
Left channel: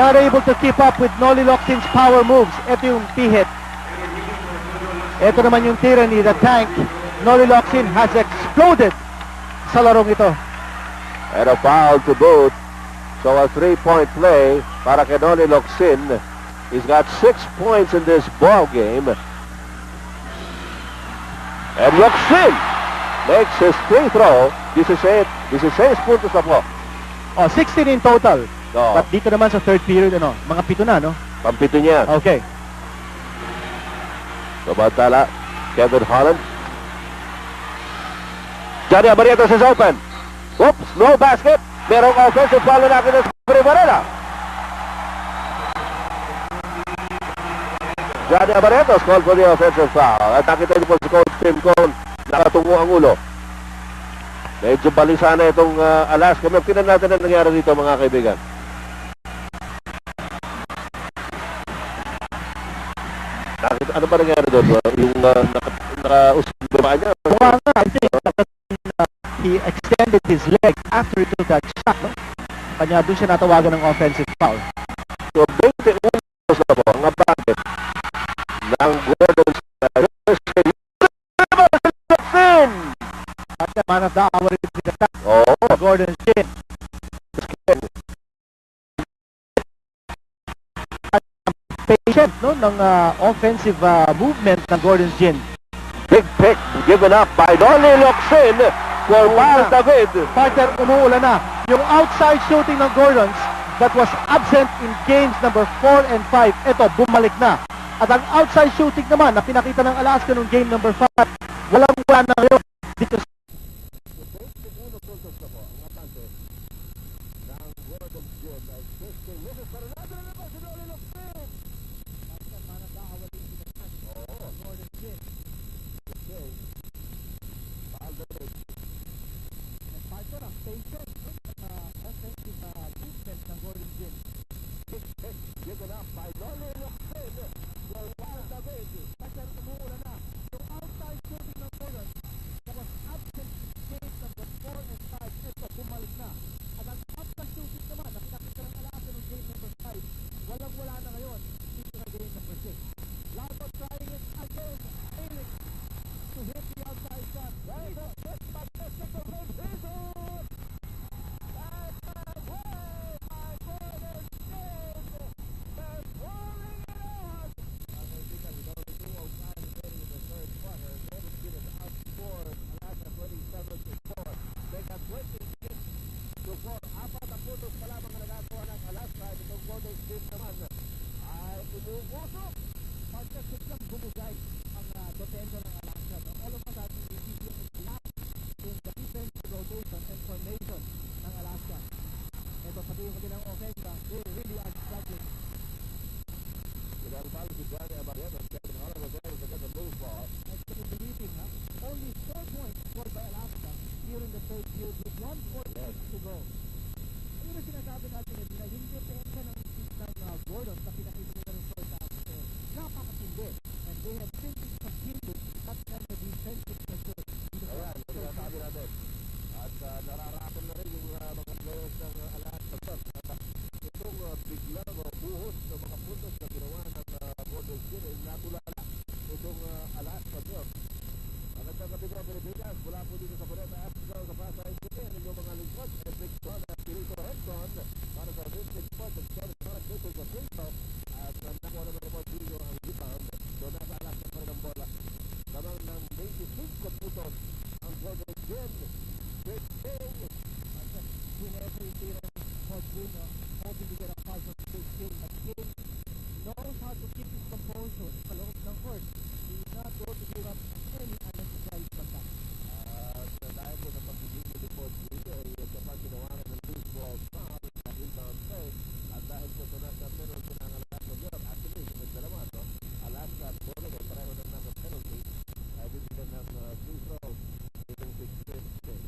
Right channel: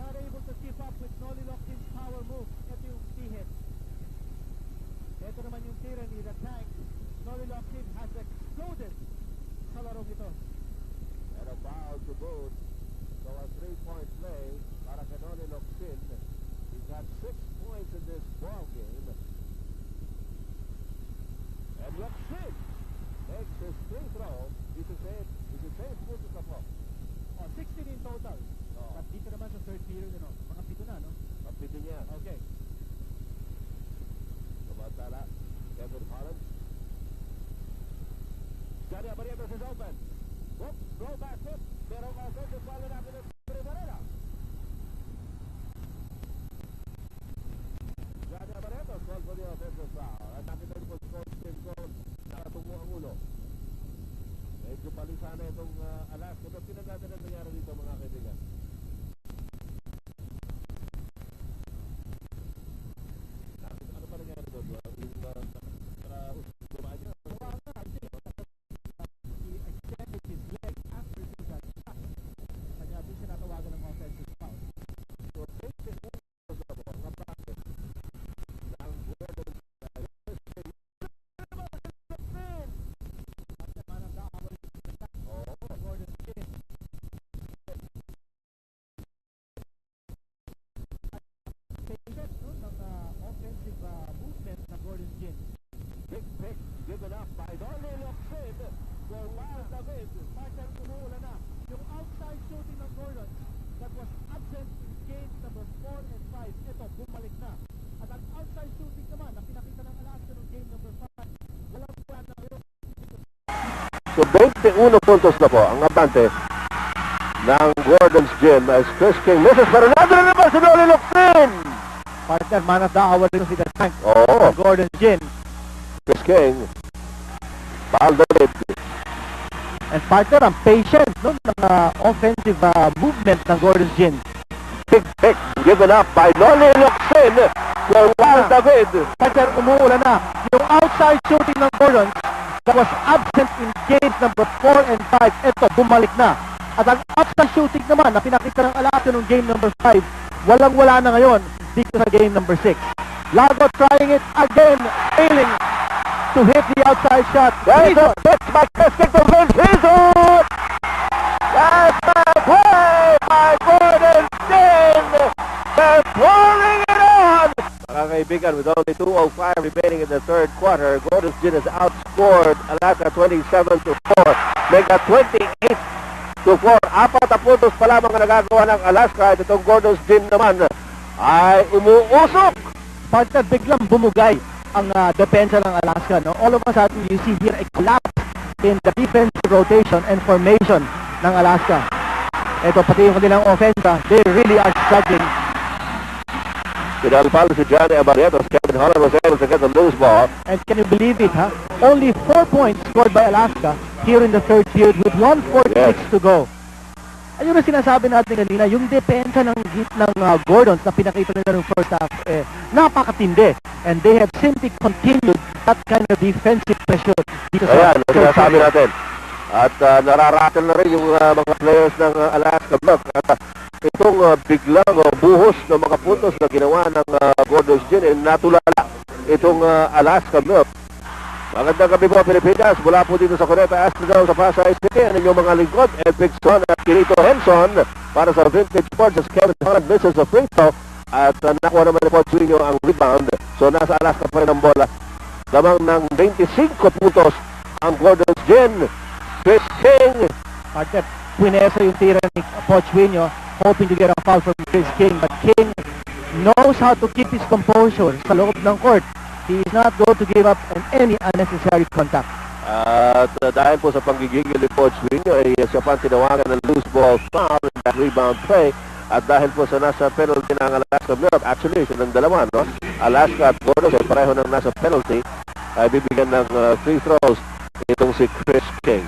not able to keep up with Noli Locsin's power moves. Ito yung P-hit. Ito naman yung tira ni The Tank. Noli Locsin has exploded sa larong ito. And a foul to boot. So a 3-point play para kay Noli Locsin. He's got 6 points in this ball game. And Locsin makes his free throw. 16 puntos na po. 16 in total. No. But dito naman sa third period, mga 7 na, no? Pampito niya. Okay. Samantala, Kevin Holland. Johnny Abarrientos is open. Oops, no basket. Merong offensive foul na natin sa Varela. Johnny Abarrientos called for the offensive foul. At nakita niyo po si Coach Tim Cone, nakatungo ang ulo. Medyo balisa na itong Alaska. Tingnan natin ang nangyari dito, mga kaibigan. Ano ba nangyari doon? Yung naka-usbaba niya? I think he extended his leg after he took that shot, no? Kanya doon siya natawagan ng offensive foul. So, 21 na po ang abante ng Gordon's At the man of the hour is the attack. Oo. Gordon's Gin. Patient, no, ng offensive movement ng Gordon's Gin. Big pick given up by Noli Locsin for Miles David. Partner, umuulan na. Yung outside shooting ng Gordons that was absent in games number 4 and 5, ito, bumalik na. At ang outside shooting naman na pinakita ng Alaska nung game number 5, walang-wala na ngayon dito sa... So 21 puntos na po ang abante ng Gordon's Gin as Chris King misses, pero nandun na naman si Noli Locsin. Partner, man of the hour rin si The Tank. Oo. Gordon's Gin. Chris King. David. And partner, ang patient, no, ng offensive movement ng Gordon's Gin. Big pick given up by Noli Locsin The Wild David. Partner, umuulan na. Yung outside shooting ng Gordons that was absent in games number 4 and 5, ito, bumalik na. At ang outside shooting naman na pinakita ng Alaska nung game number 5, walang-wala na ngayon dito sa game number 6. Lago trying it again, failing to hit the outside shot. There is a pitch by Keswick to Vincenzo. That's a play by Gordon Gin. They're pouring it on. Mga kaibigan, with only 2:05 remaining in the third quarter, Gordon Gin has outscored Alaska 27-4. They got 28-4. 4 puntos pa lamang ang nagagawa ng Alaska. At itong Gordon Gin naman ay umuusok. Partner, biglang bumugay ang depensa ng Alaska. No? All of a sudden, you see here a collapse in the defensive rotation and formation ng Alaska. Ito, pati yung kanilang offensa, they really are struggling. Pinalpalo si Johnny Abarrientos. Kevin Holland was able to get the loose ball. And can you believe it, ha? Only 4 points scored by Alaska here in the third period with 1:46 to go. Ayun ang sinasabi natin kanina, yung depensa ng Gordons na pinakita nila ng first half, napakatindi. And they have simply continued that kind of defensive pressure dito sa Ayan, sinasabi natin. At nararatal na rin yung mga players ng Alaska Milk. At itong biglang buhos ng mga puntos na ginawa ng Gordon's Gin, natulala itong Alaska Milk. Magandang gabi po, Pilipinas. Mula po dito sa Cuneta Astrodome sa Pasay City. Ang inyong mga lingkod, Ed Pixon at Kirito Henson. Para sa Vintage Sports, as Kevin Holland misses a free throw. At nakuha naman ni Paul Suino ang rebound. So nasa Alaska pa rin ang bola. Lamang ng 25 puntos ang Gordon's Gin. Chris King. Partner, pinesa yung tira ni Pochwinyo, hoping to get a foul from Chris King. But King knows how to keep his composure sa loob ng court. He is not going to give up on any unnecessary contact. At dahil po sa panggigigil ni Pochwinyo, ay siya pa tinawagan ng loose ball foul in that rebound play. At dahil po sa nasa penalty ng Alaska Milk, actually, silang dalawa, no? Alaska at Gordon, ay pareho ng nasa penalty, ay bibigyan ng free throws itong si Chris King.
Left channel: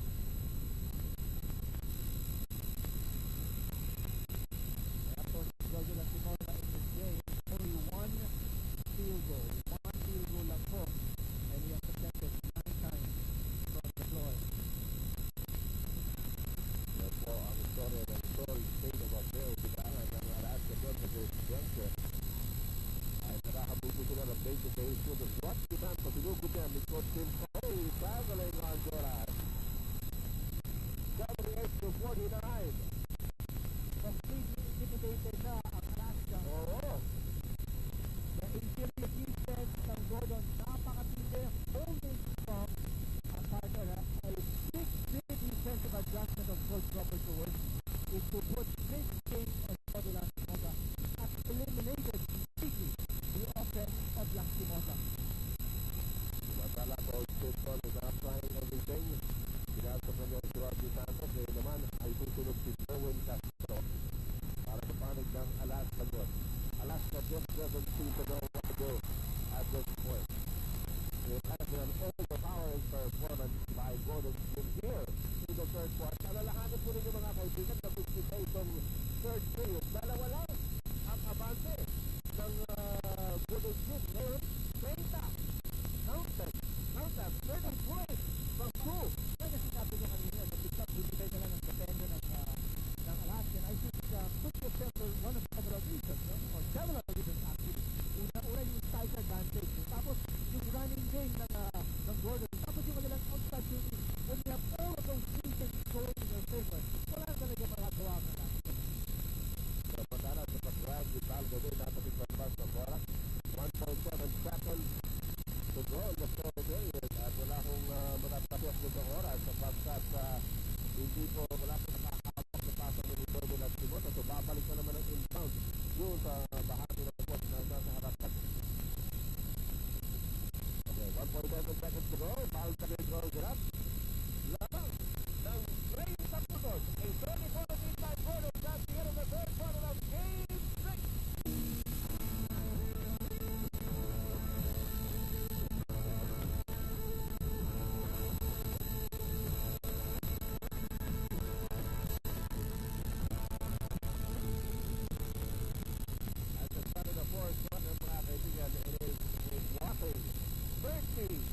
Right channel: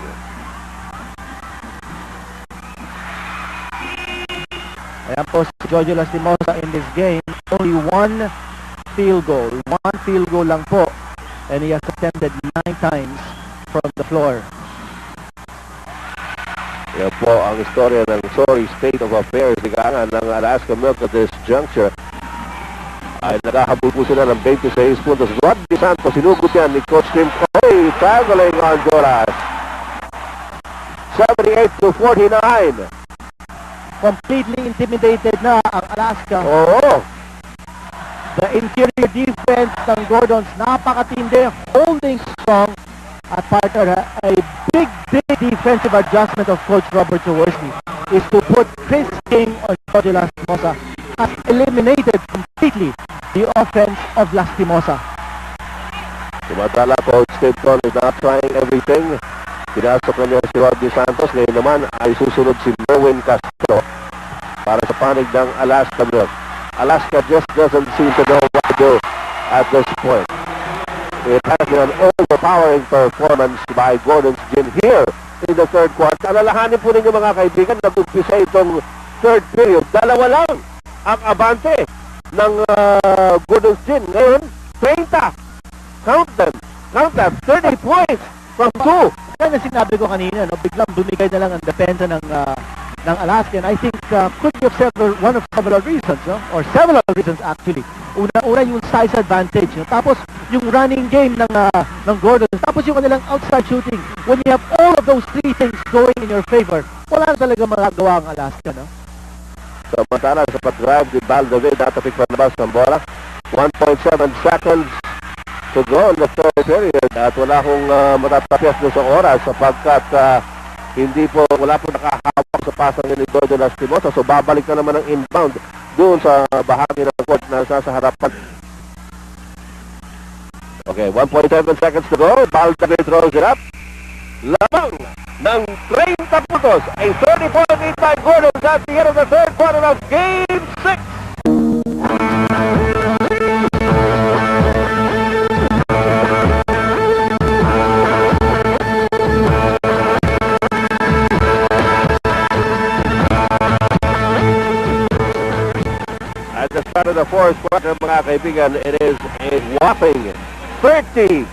Ayan po si Jojo Lastimosa in this game. Only one field goal lang po. And he has attempted 9 times from the floor. Yan po ang istorya ng sorry state of affairs ng Alaska Milk at this juncture. Ay nakahabol po sila ng 26 puntos. Rodney Santos, sinugot yan ni Coach Tim Coy, traveling on Honduras. 78-49. Completely intimidated na ang Alaska. Oo. The interior defense ng Gordons, napakatindi, holding strong. At partner, a big defensive adjustment of Coach Robert Jaworski is to put Chris King on Jojo Lastimosa. Has eliminated completely the offense of Lastimosa. Tumatala, Coach Tim Coy is not trying everything. Pinasok na niya si Rodney Santos. Ngayon naman ay susunod si Merwin Castro para sa panig ng Alaska Milk. Alaska just doesn't seem to know what to do at this point. It has been an overpowering performance by Gordon's Gin here in the third quarter. Alalahanin po ninyo mga kaibigan, nag-umpisa itong third period. Dalawa lang ang abante ng Gordon's Gin. Ngayon, 30. Count them. 30 points from 2. Kaya na sinabi ko kanina, no, biglang bumigay na lang ang depensa ng Alaska. And I think could be of one of several reasons, no? Or several reasons actually. Una yung size advantage, no? Tapos yung running game ng Gordon, tapos yung kanilang outside shooting. When you have all of those three things going in your favor, wala na talaga magagawa ang Alaska, no? Samantala sa pag-drive ni Val David, natapik pa labas ng bola. 1.7 seconds to go in the third period. At wala akong matatapos doon sa oras sapagkat wala po nakahawak sa pasang ni Jojo Lastimosa. So babalik na naman ang inbound doon sa bahagi ng court na nasa harapan. Okay, 1.7 seconds to go. Val David throws it up. Lamang ng 30 puntos. A 30-point lead by Gordon at the end of the third quarter of Game 6. At the the start of the fourth quarter, mga kaibigan, it is a whopping 30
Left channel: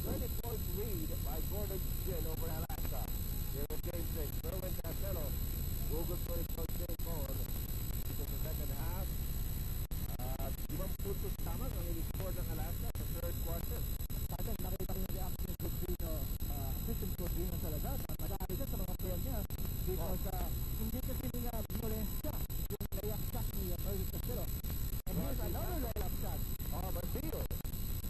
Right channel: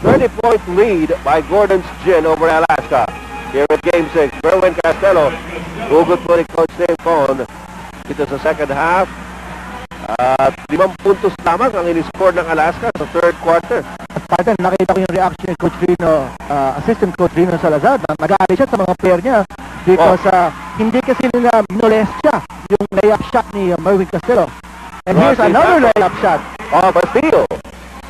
30-point lead by Gordon's Gin over Alaska. Here at Game 6, Berwin Castello, hugot po ni Coach Dave Cohn dito sa second half. At 5 puntos lamang ang in-score ng Alaska sa third quarter. At partner, nakita ko yung reaction ni Coach Rino, assistant coach Rino Salazar, na nag-aali siya sa mga player niya because hindi kasi nila minolest siya yung layup shot ni Merwin Castello. And here's another layup shot. Bastillo.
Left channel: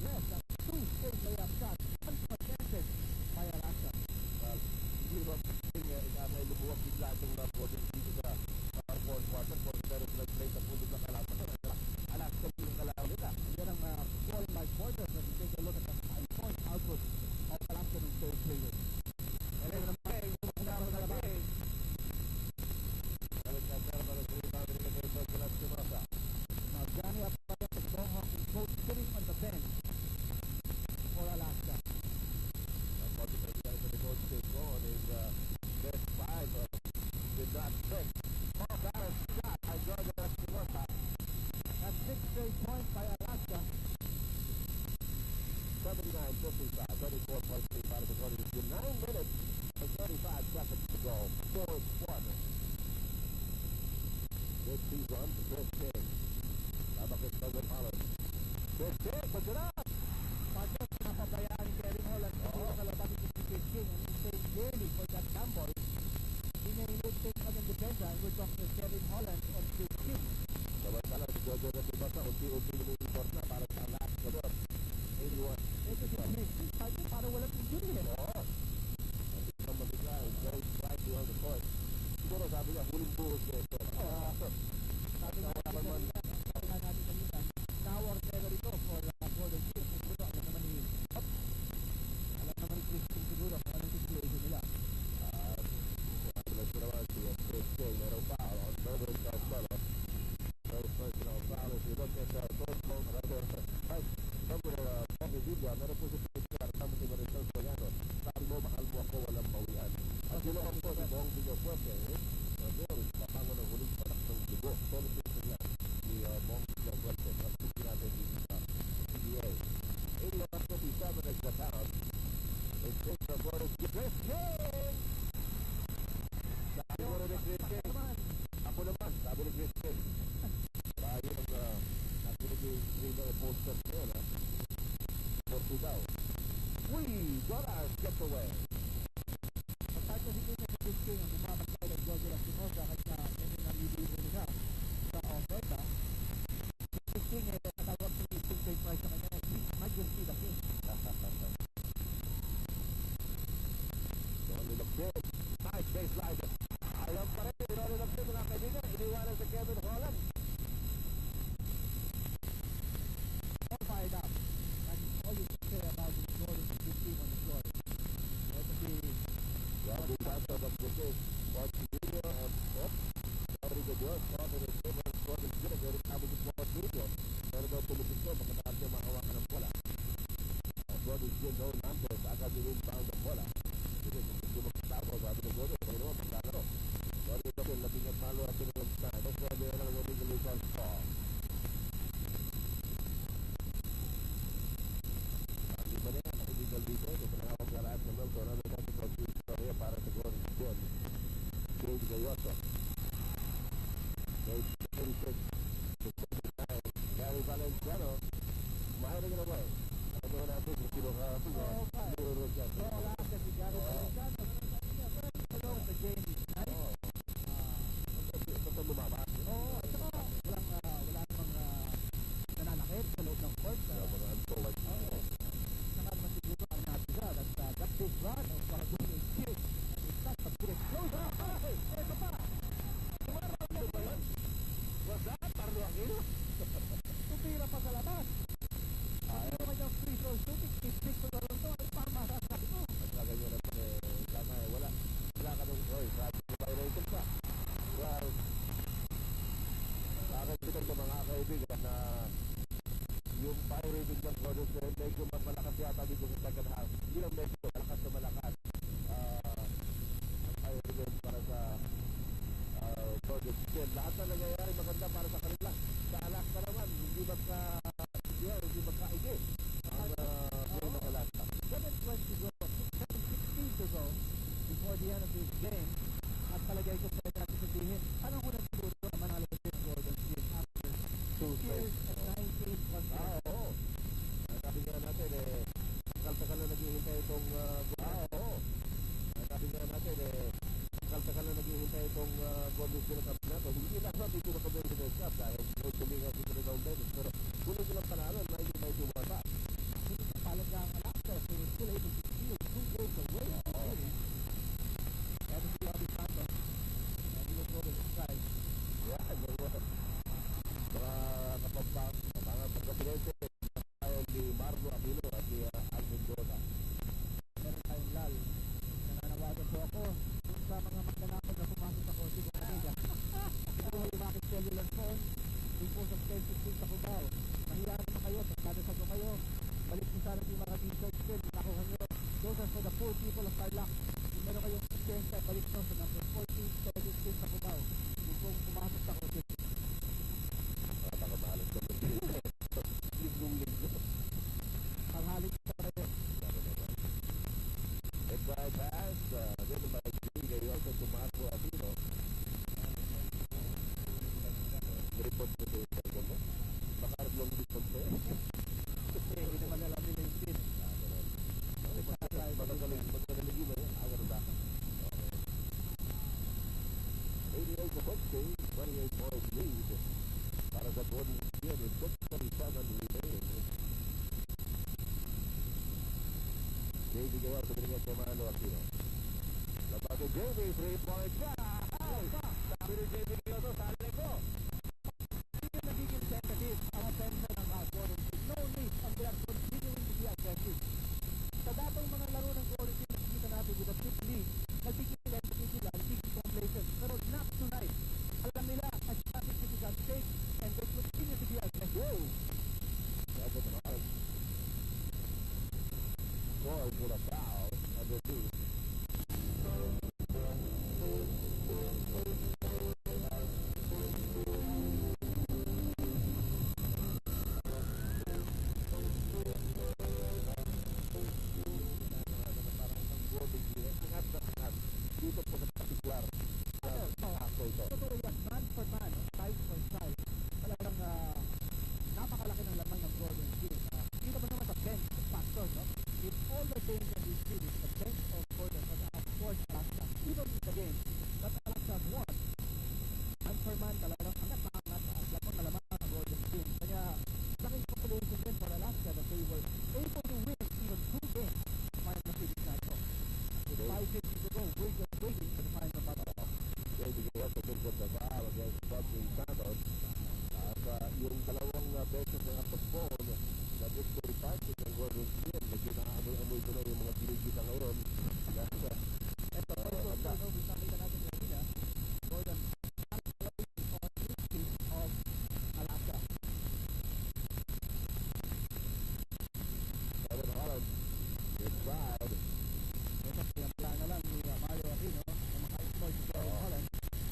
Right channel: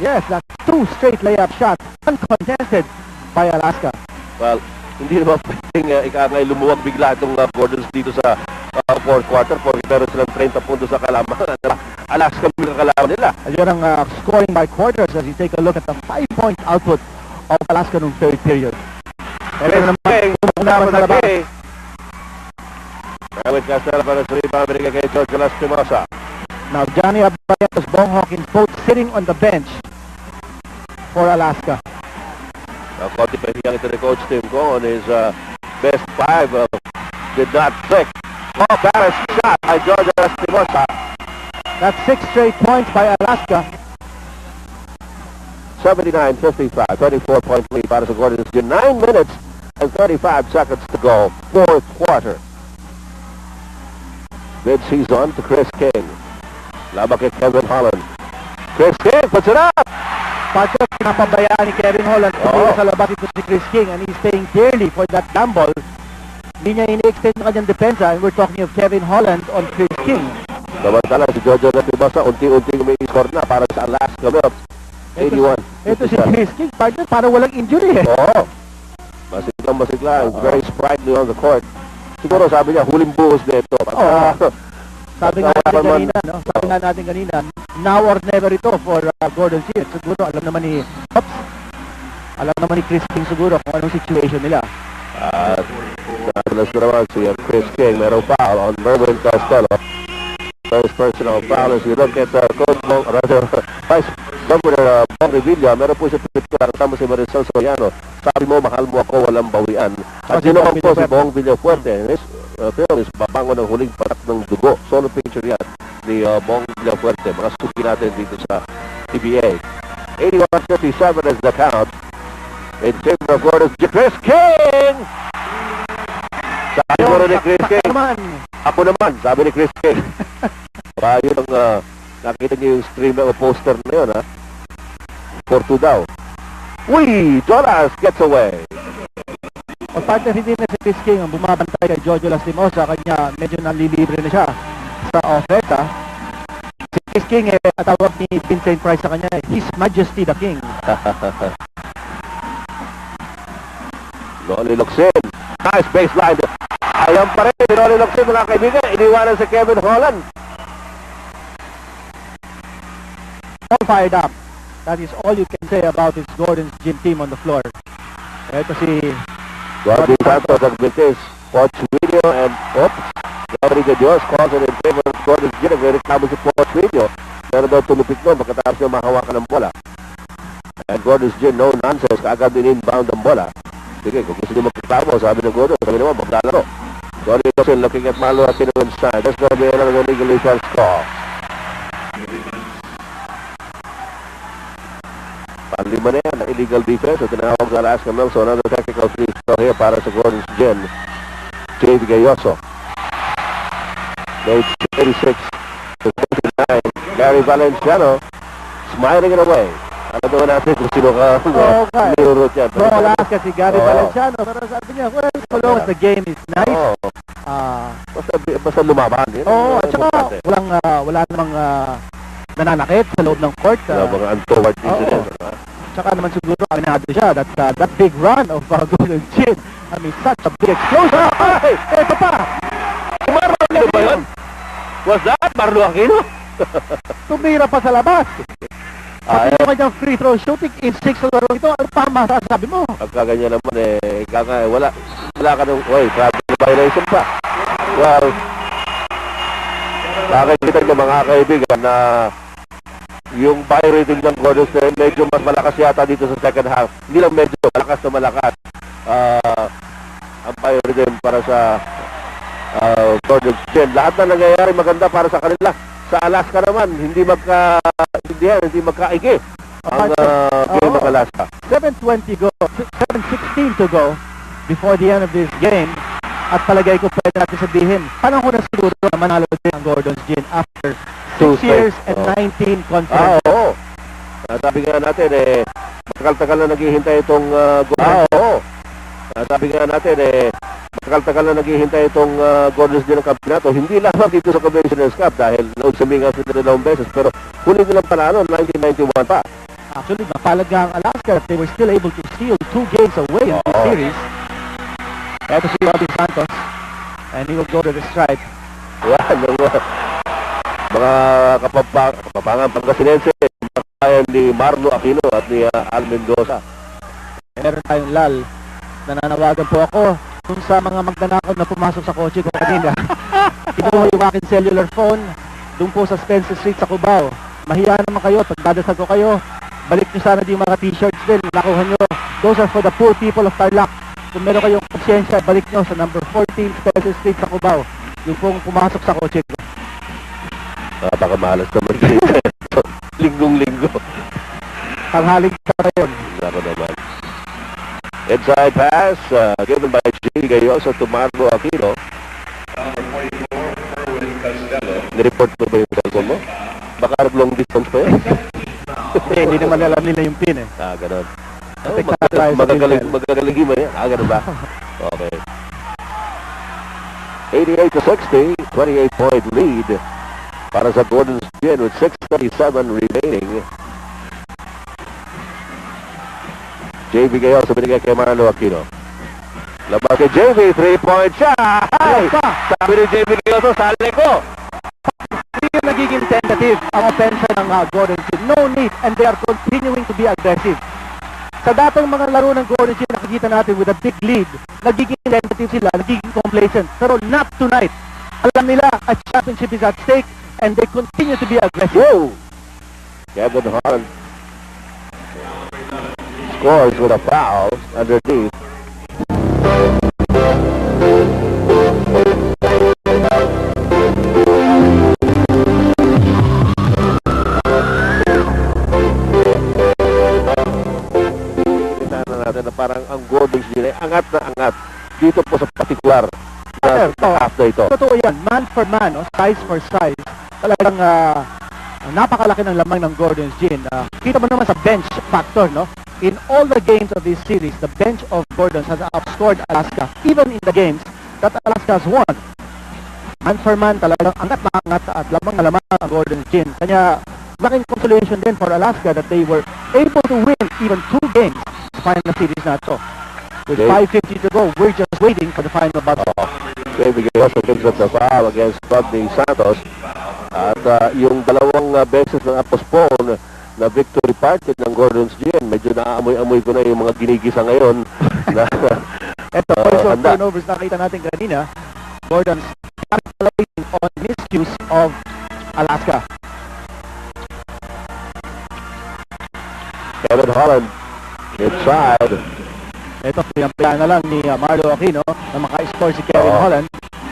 Yes, that's 2 straight layup shots, uncontested by Alaska. Well, hindi naman pwedeng ikangay lumuwag bigla itong Gordons dito sa fourth quarter porque meron silang 30 puntos sa kalamangan. Alaska yung kalaman nila. Ayun ang scoring by quarters as you take a look at the 5-point output of Alaska nung third period. Pero naman, sa labas. Erwin Castella para sa rebound, binigay kay George Lastimosa. Now, Johnny Abayatos, Bong Hawkins, both sitting on the bench for Alaska. Now, konti pa hiyang ito ni Coach Tim Cohn, his best 5 did not click. Balanced shot by George Lastimosa. That's 6 straight points by Alaska. 79-55, 24-point lead para sa Gordon's Gin. 9 minutes and 35 seconds to go. Fourth quarter. Mid-season to Chris King. Laban kay Kevin Holland. Chris King puts it up! Partner, pinapabayaan ni Kevin Holland. Sa labas ito si Chris King and he's staying dearly for that gamble. Hindi niya ini-extend ng kanyang depensa and we're talking of Kevin Holland on Chris King. Samantala si Jojo Lastimosa unti-unting may score na para sa Alaska Milk. 81. Ito si Chris King, partner, para walang injury eh. Oo. Masigla. Very sprightly on the court. Siguro sabi niya, huling buhos na ito. Sabi nga natin kanina, now or never ito for Gordon Gin. Siguro alam naman ni Chris King siguro kung anong situation nila. At nabalas na naman si Chris King, merong foul on Merwin Castello. First personal foul. As you look at Coach Bong, Vice Governor Bong Revilla, meron po siya pinipikar kasama si Marisol Soriano. Sabi mo, mahal mo ako, walang bawian. At sinuong po si Bong Villafuerte. This film is babango ng huling patak ng dugo. Solo picture yan ni Bong Villafuerte. Mga suki natin dito sa PBA. 81-57 is the count. In favor of Gordon's Gin. Chris King! Sabi mo rin ni Chris King. Ako naman, sabi ni Chris King. Yun ang nakita niyo yung stream o poster na yun, ha? 4-2 daw. Uy! Jonas gets away. O partner, hindi na si Chris King ang bumabantay kay Jojo Lastimosa. Kanya medyo nalilibre na siya sa oferta. Si Chris King, tawag ni Vincent Price sa kanya, His Majesty the King. Loli Luxin. Nice baseline. Ayan pa rin ni Loli Luxin, mga kaibigan. Iniwanan si Kevin Holland. All fired up. That is all you can say about this Gordon's Gin team on the floor. Ito si Bobby Santos nagbintis. Coach Video and Rodrigo Dios calls it in favor of Gordon's Gin. Nagreklamo si Coach Video. Pero daw tulupit nun pagkatapos niya mahawakan ng bola. And Gordon's Gin, no nonsense. Kaagad din inbound ang bola. Sige, kung gusto niyo magreklamo, sabi ng Gordon, sabi naman, maglalaro. Gordon Wilson looking at Malo at inside. That's going to be another illegal defense call. Panlima na yan, illegal defense. So tinawag sa Alaska Milk. So another technical free throw here para sa Gordon's Gin. J.V. Gayoso. Made 86-29. Gary Valenciano smiling it away. Ano naman natin kung sino ka nirurot yan. From Alaska si Gary Valenciano. Pero sabi niya, well, so long as the game is nice. Basta lumaban. At saka wala namang nananakit sa loob ng court. Mga untoward incidents. Tsaka naman siguro aminado siya that big run of Gordon Gin. I mean, such a big explosion. Ay! Ito pa! Marlo Aquino ba yun? Was that Marlo Aquino? Tumira pa sa labas. Pati yung kanyang free throw shooting in 6 sa laro ito. Ano pa masasabi mo? Pagkaganyan naman wala ka nung, travel violation pa. Well, nakikita nyo mga kaibigan na yung buy rating ng Gordon Gin medyo mas malakas yata dito sa second half. Hindi lang medyo, malakas na malakas. Ang buy rating para sa Gordon Gin. Lahat na nangyayari maganda para sa kanila. Sa Alaska naman, hindi magkaigi ang game ng Alaska. 7:20 go, 7:16 to go before the end of this game. At palagay ko pwede natin sabihin, panahon na siguro na manalo din ang Gordon's Gin after 6 years and 19 conference. Oo. Sabi nga natin, matagal-tagal na naghihintay itong Gordon's Gin ng kampinato. Hindi lamang dito sa Commissioner's Cup dahil nausami nga sila dalawang beses. Pero huli nilang panalo, 1991 pa. Actually, napalad nga ang Alaska that they were still able to steal 2 games away in this series. Ito si Bobby Santos, and he will go to the stripe. Yan, mga kapapangan Pangasinense, kaya ni Marlo Aquino at ni Al Mendoza. Meron tayong lal. Nananawagan po ako kung sa mga magnanakaw na pumasok sa kotse ko kanina. Kinuha yung aking cellular phone doon po sa Spencer Street sa Cubao. Mahiya naman kayo, pagdadasal ko kayo. Balik nyo sana din mga t-shirts din. Nakuha nyo. Those are for the poor people of Tarlac. Kung meron kayong konsyensya, balik nyo sa number 14 Spencer Street sa Cubao. Yung pong pumasok sa kotse ko. Baka malas naman dito. Linggong-linggo. Tanghaling sa yun. Ako naman. Inside pass, given by J. Gayoso to Marlo Aquino. Nireport mo ba yung cellphone mo? Baka long distance pa yun. Hindi naman alam nila yung pin eh. Ganon. Magagaling mo yan. Ganon ba? Okay. 88-60, 28-point lead para sa Gordon's Gin with 6:37 remaining. JV Gayoso binigay kay Marlo Aquino. Labas kay JV, 3-point shot! Ay! Sabi ni JV Gayoso, sali ko! Hindi yung nagiging tentative ang offense ng Gordon Gin. No need, and they are continuing to be aggressive. Sa datang mga laro ng Gordon Gin, nakikita natin with a big lead, nagiging tentative sila, nagiging complacent. Pero not tonight. Alam nila, a championship is at stake, and they continue to be aggressive. Whoa! Kevin Holland scores with a foul underneath. Natin na parang ang Gordon's Gin ay angat na angat dito po sa particular na half na ito. Totoo yan, man for man, size for size. Talagang napakalaki ng lamang ng Gordon's Gin. Kita mo naman sa bench factor, no? In all the games of this series, the bench of Gordon's has outscored Alaska, even in the games that Alaska has won. Man for man, talagang angat na angat at lamang na lamang ang Gordon's Gin. Kanya, laking consolation din for Alaska that they were able to win even 2 games sa final series na ito. With 5:50 to go, we're just waiting for the final battle. David Gayoso gives up the foul against Rodney Santos. At yung dalawang beses na postpone na victory party ng Gordon's Gin, medyo naamoy-amoy ko na yung mga ginigisa ngayon. Ito, also turnovers nakita natin kanina. Gordon's capitalizing on misuse of Alaska. Kevin Holland inside. Ito, pinampilan na lang ni Marlo Aquino na maka-score si Kevin Holland.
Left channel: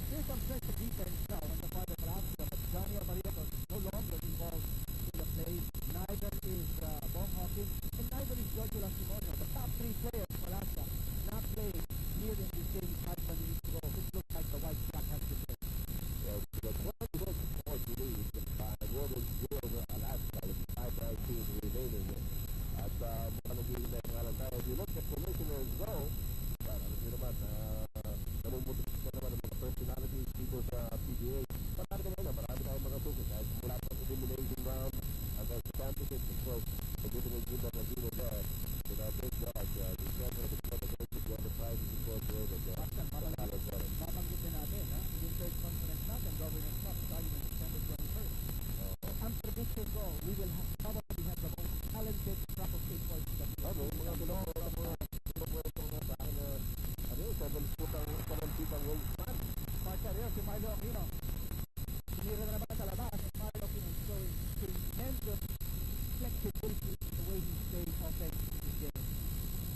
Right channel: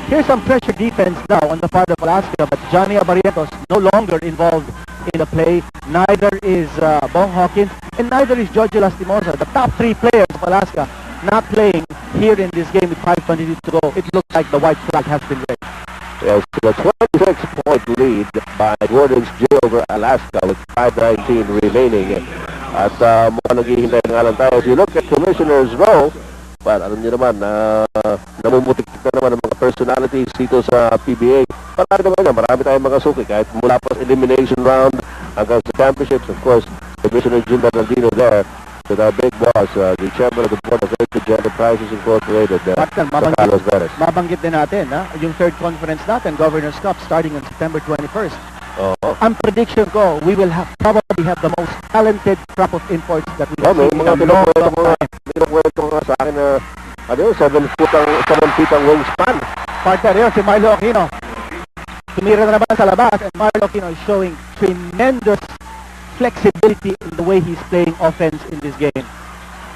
Here's some pressure defense now on the part of Alaska, but Johnny Abarrientos no longer involved in the play. Neither is Bong Hawkins, and neither is George Lastimosa. The top 3 players of Alaska not playing here in this game with 5:22 to go. It looks like the white flag has been raised. Yes, the 26-point lead by Gordon's Gin over Alaska with 5:19 remaining. At mukhang naghihintay nga lang tayo. If you look at Commissioner's Row, but alam niyo naman, namumutik na naman ang mga personalities dito sa PBA. Marami tayong mga suki. Kahit mula pa sa elimination round hanggang sa championships, of course, Commissioner Jim Bernardino there with our big boss, the chairman of the board of Aged Enterprises Incorporated, Carlos Perez. Mabanggit din natin, yung third conference natin, Governor's Cup, starting on September 21st. Ang prediction ko, we will probably have the most talented crop of imports that we have seen in a long time. Pinukwento nga sa akin na 7 feet ang wingspan. Partner yun, si Marlo Aquino. Tumira na naman sa labas, and Marlo Aquino is showing tremendous flexibility in the way he's playing offense in this game.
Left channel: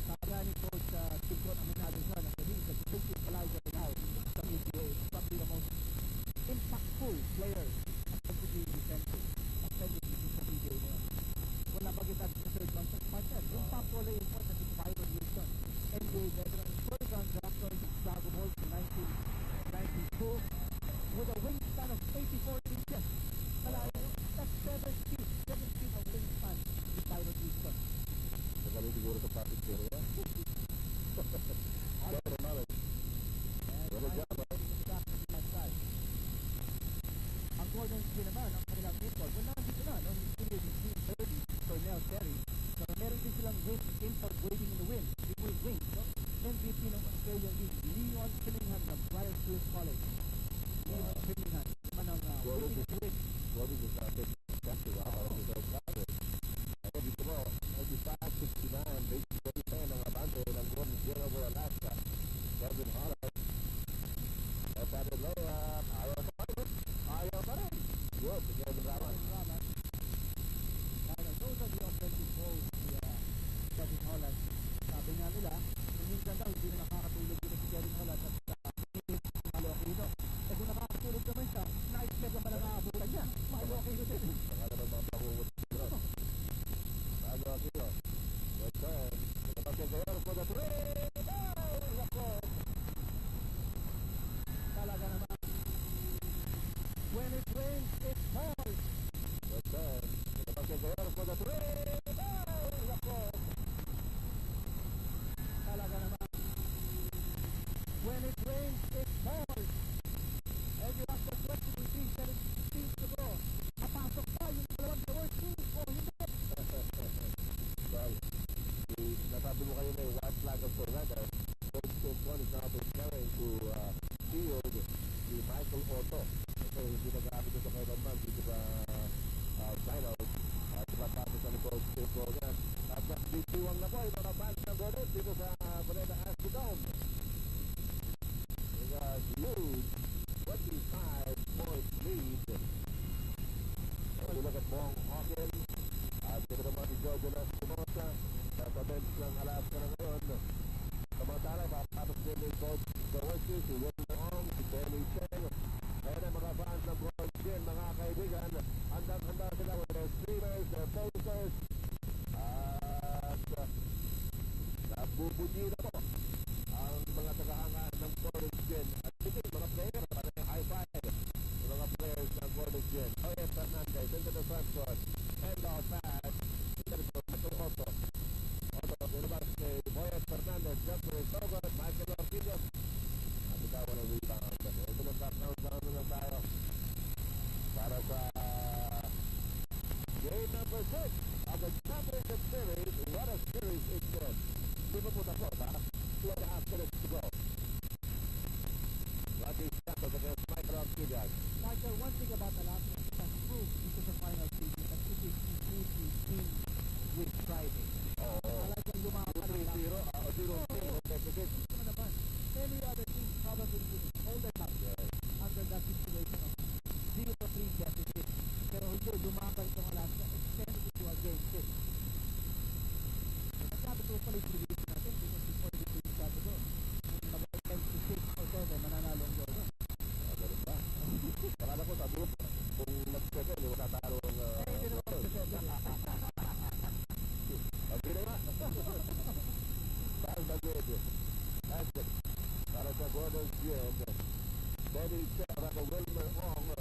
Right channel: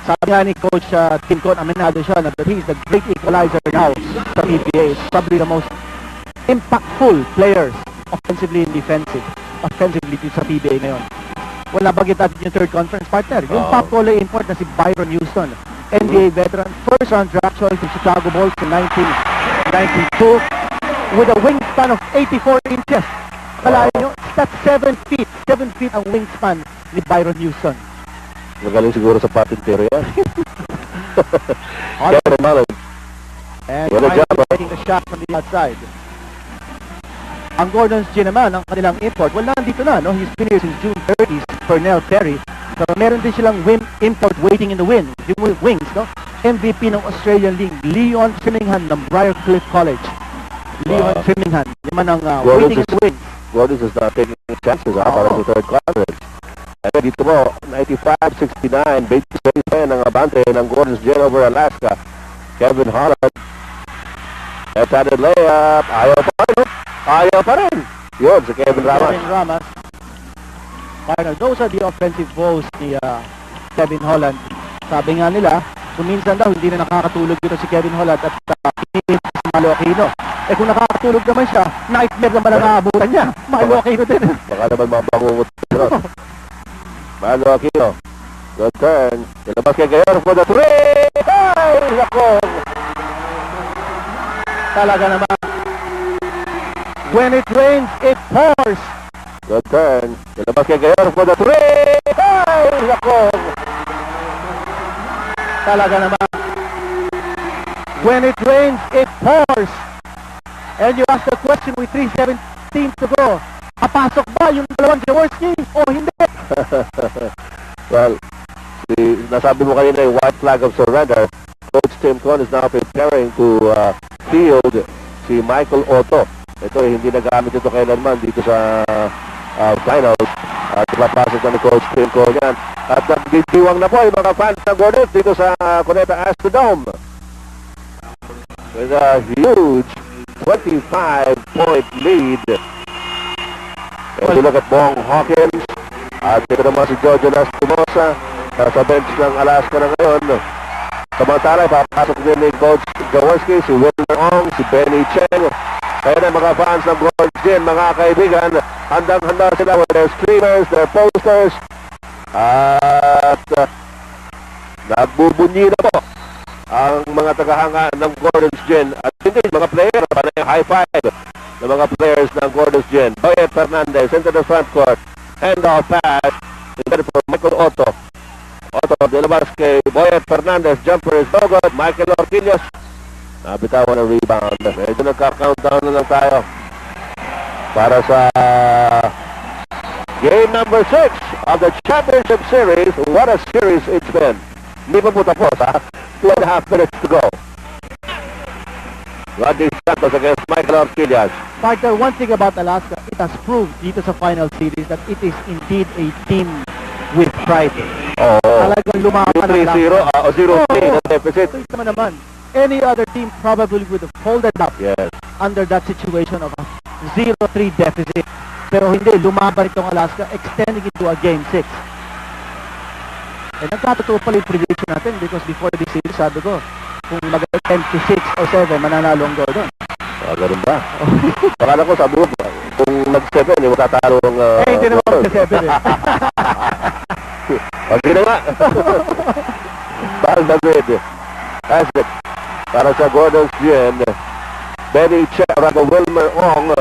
Sabi nga ni Coach Tim Con, aminado siya na he's the great equalizer now sa PBA. It's probably the most impactful players offensively and offensively sa PBA ngayon. Wala bagit natin yung third conference partner. Yung top goalie import na si Byron Houston, NBA veteran, first round draft choice ng Chicago Bulls in 1992 with a wingspan of 84 inches. Kalahin nyo, that's 7 feet. 7 feet ang wingspan ni Byron Houston. Magaling siguro sa patintero yan. Kevin Holland. And finally taking the shot from the outside. Ang Gordon's Gin naman, ang kanilang import, well, nandito na, no? He's been here since June 30s, Pernell Perry. So, meron din silang import waiting in the wings, no? MVP ng Australian League, Leon Trimmingham ng Briarcliff College. Leon Trimmingham, naman ang waiting in the wings. Gordon's is not taking chances para sa third conference. And dito mo, 95-69, base ng abante ng Gordon's Gin over Alaska. Kevin Holland. Left-handed layup. Ayaw pa rin. Yun, si Kevin Ramas. Final, those are the offensive woes ni Kevin Holland. Sabi nga nila, kuminsan daw hindi na nakakatulog dito si Kevin Holland at pinili si Malo Aquino. Eh kung nakakatulog naman siya, nightmare naman ang aabutan niya. Malo Aquino din. Baka naman mabangungot dito. Malo Aquino. Good turn. Nilabas kay Gayor for the three. Ay, nako. Talaga naman. When it rains, it pours. Good turn. Nilabas kay Gayor for the three. Ay, nako. Talaga naman. When it rains, it pours. And you ask the question with 3:17 to go. Papasok ba yung dalawang Jaworski o hindi? Well, nasabi mo kanina yung white flag of surrender. Coach Tim Con is now preparing to field si Michael Otto. Ito hindi nagamit ito kailanman dito sa finals. At papasok na ni Coach Tim Con yan. At nagdidiwang na po yung mga fans ng Gordon dito sa Cuneta Astrodome. With a huge 25-point lead. And you look at Bong Hawkins. At ito naman si Jojo Lastimosa sa bench ng Alaska na ngayon. Samantala, papasok din ni Coach Jaworski, si Wilmer Ong, si Benny Cheng. Kaya na mga fans ng Gordon's Gin, mga kaibigan, handang-handa sila with their streamers, their posters. At nagbubunyi na po ang mga tagahanga ng Gordon's Gin. At hindi, mga player, panay high five ng mga players ng Gordon's Gin. Boyet Fernandez into the front court. Handoff pass. Intended for Michael Otto. Otto, nilabas kay Boyet Fernandez. Jumper is no good. Michael Orquillos. Nabitawan ang rebound. Ito nagka-countdown na lang tayo para sa game number 6 of the championship series. What a series it's been. Hindi pa po tapos, ha? 2.5 minutes to go. Rodney Santos against Michael Orquillas. Partner, one thing about Alaska, it has proved dito sa final series that it is indeed a team with pride. Talagang lumaban ang 3-0 o 0-3 na deficit. Ito naman. Any other team probably would have folded up under that situation of a 0-3 deficit. Pero hindi, lumaban itong Alaska, extending it to a game 6. Eh, nagkatotoo pala yung prediction natin because before this series, sabi ko, kung mag-10-6 o 7, mananalo ang Gordon. Ganun ba? Pakala ko, sabi ko, kung nag-7, matatalo ng... hindi naman mag-7 eh. Pag na nga. Bal David has it para sa Gordon's Gin. Benny Cherago Wilmer Ong.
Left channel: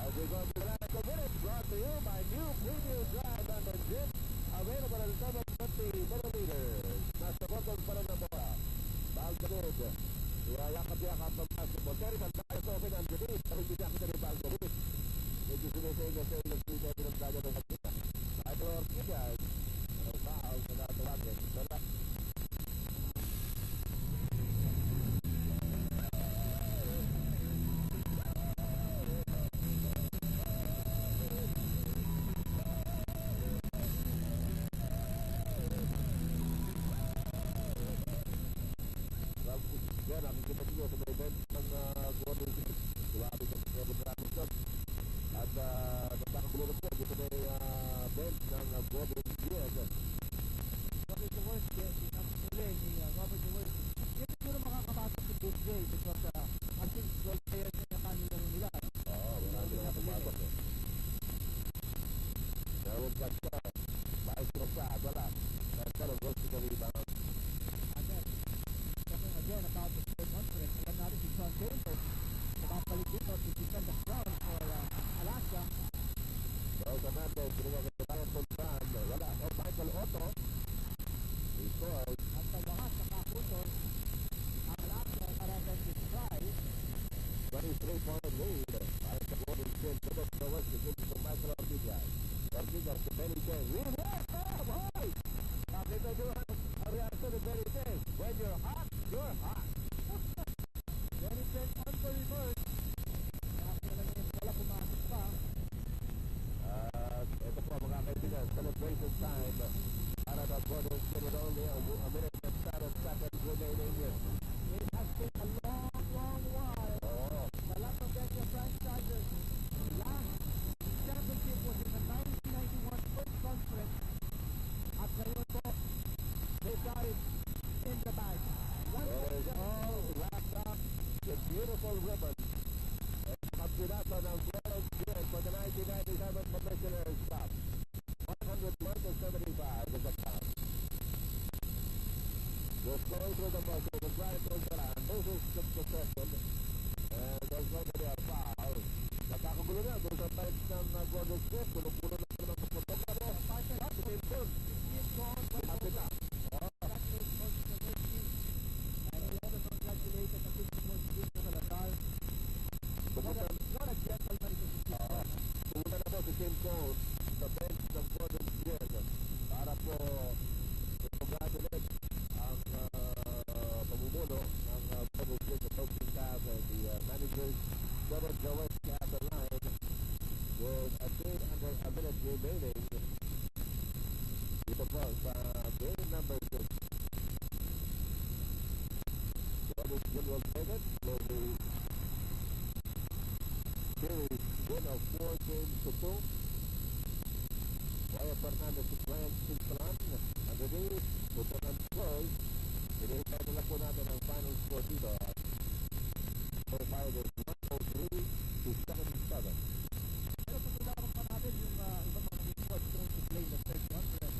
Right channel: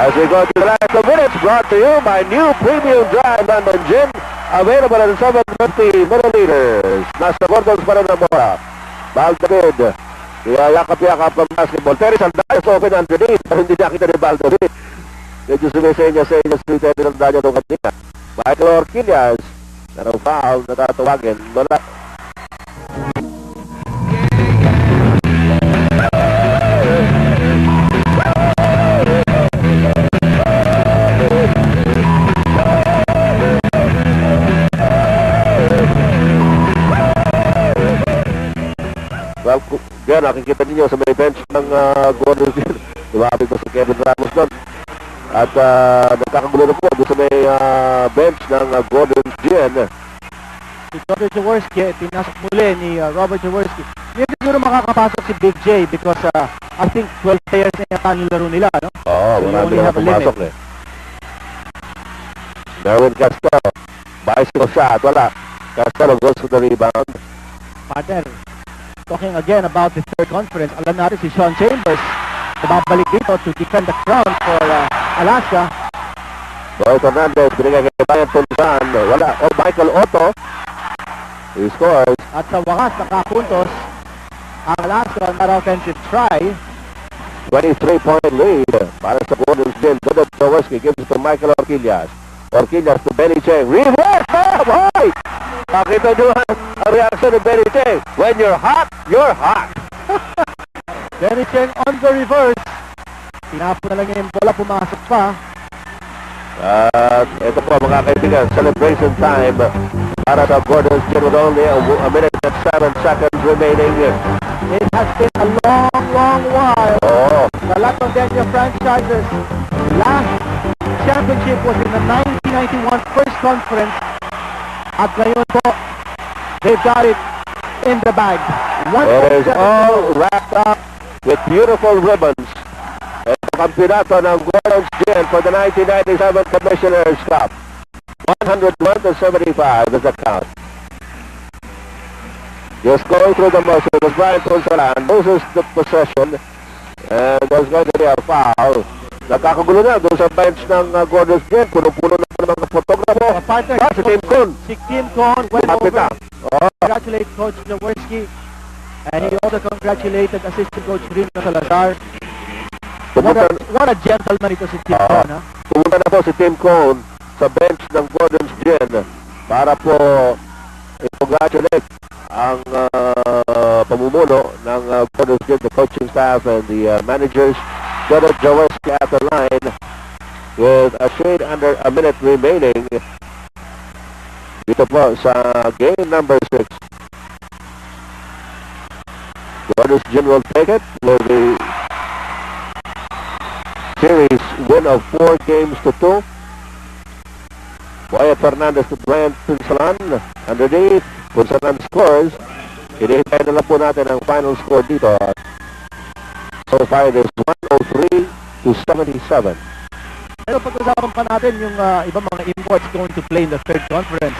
As we go to the last 2 minutes, brought to you by new premium dry London Gin. Available in 750 milliliters. Nasa Gordon's pa rin ang mura. Bal David. Yakap-yakap ang basketball. Terry Saldayas open underneath. Pero hindi nakita ni Bal David. Medyo sumisenya sa inyo si Terry Saldayas nung kanina. Michael Orquillas. Narang foul na tatawagin. Wala. Well, yan, nakikita ninyo sa may bench ng Gordon's Gin. Lumapit ko si Kevin Ramos doon. At nagkakagulo na po doon sa may bench ng Gordon's Gin. Si Robert Jaworski, pinasok muli ni Robert Jaworski. Hindi siguro makakapasok si Big J because I think 12 players na yata nilaro nila, no? Oo, So, you marami only na have a limit. pumasok eh. Merwin Castell, bicycle shot, wala. Castell goes to the rebound. Partner, talking again about the third conference, alam natin si Sean Chambers, nababalik dito to defend the crown for Alaska. Boy Fernandez, binigay kay Brian Punsan, wala. O Michael Otto, he scores. At sa wakas, nakapuntos ang Alaska on that offensive try. 23-point lead para sa Gordon's Gin. Dodot Jaworski gives it to Michael Orquillas. Orquillas to Benny Cheng. Reverse! Hoy! Pakita nyo ang reaction ni Benny Cheng. When you're hot, you're hot. Benny Cheng on the reverse. Tinapon na lang yung bola, pumasok pa. At ito po mga kaibigan, celebration time para sa Gordon's Gin with only a minute and 7 seconds remaining. It has been a long, long while. Oh, The Lac-Convention franchises last championship was in the 1991 first conference. At ngayon po, they've got it in the bag. it is all wrapped up with beautiful ribbons. Ito kampyonato ng Gordon's Gin for the 1997 Commissioner's Cup. 101-75 is the count. Just going through the motion as Brian Ponsalan loses the possession and there's going to be a foul. Nakakagulo na doon sa bench ng Gordon's Gin. Puno-puno na ng mga photographer. Partner, Si Tim Kuhn. si Kim Cohn went Lumapit over. na. Oh, Congratulate Coach Jaworski. And he also congratulated Assistant Coach Rino Salazar. What a gentleman ito si Tim Cohn, ha? pumunta na po si Tim Cohn sa bench ng Gordon's Gin para po i-congratulate ang pamumuno ng Gordon's Gin, the coaching staff and the managers. Dodot Jaworski at the line with a shade under a minute remaining dito po sa game number 6. Gordon's Gin will take it with the series win of 4 games to 2. Wyatt Fernandez to Brian Punsalan. Underneath, Punsalan scores. Hinihintay na lang po natin ang final score dito. So far, it is 103-77. Pero pag-usapan pa natin yung ibang mga imports going to play in the third conference.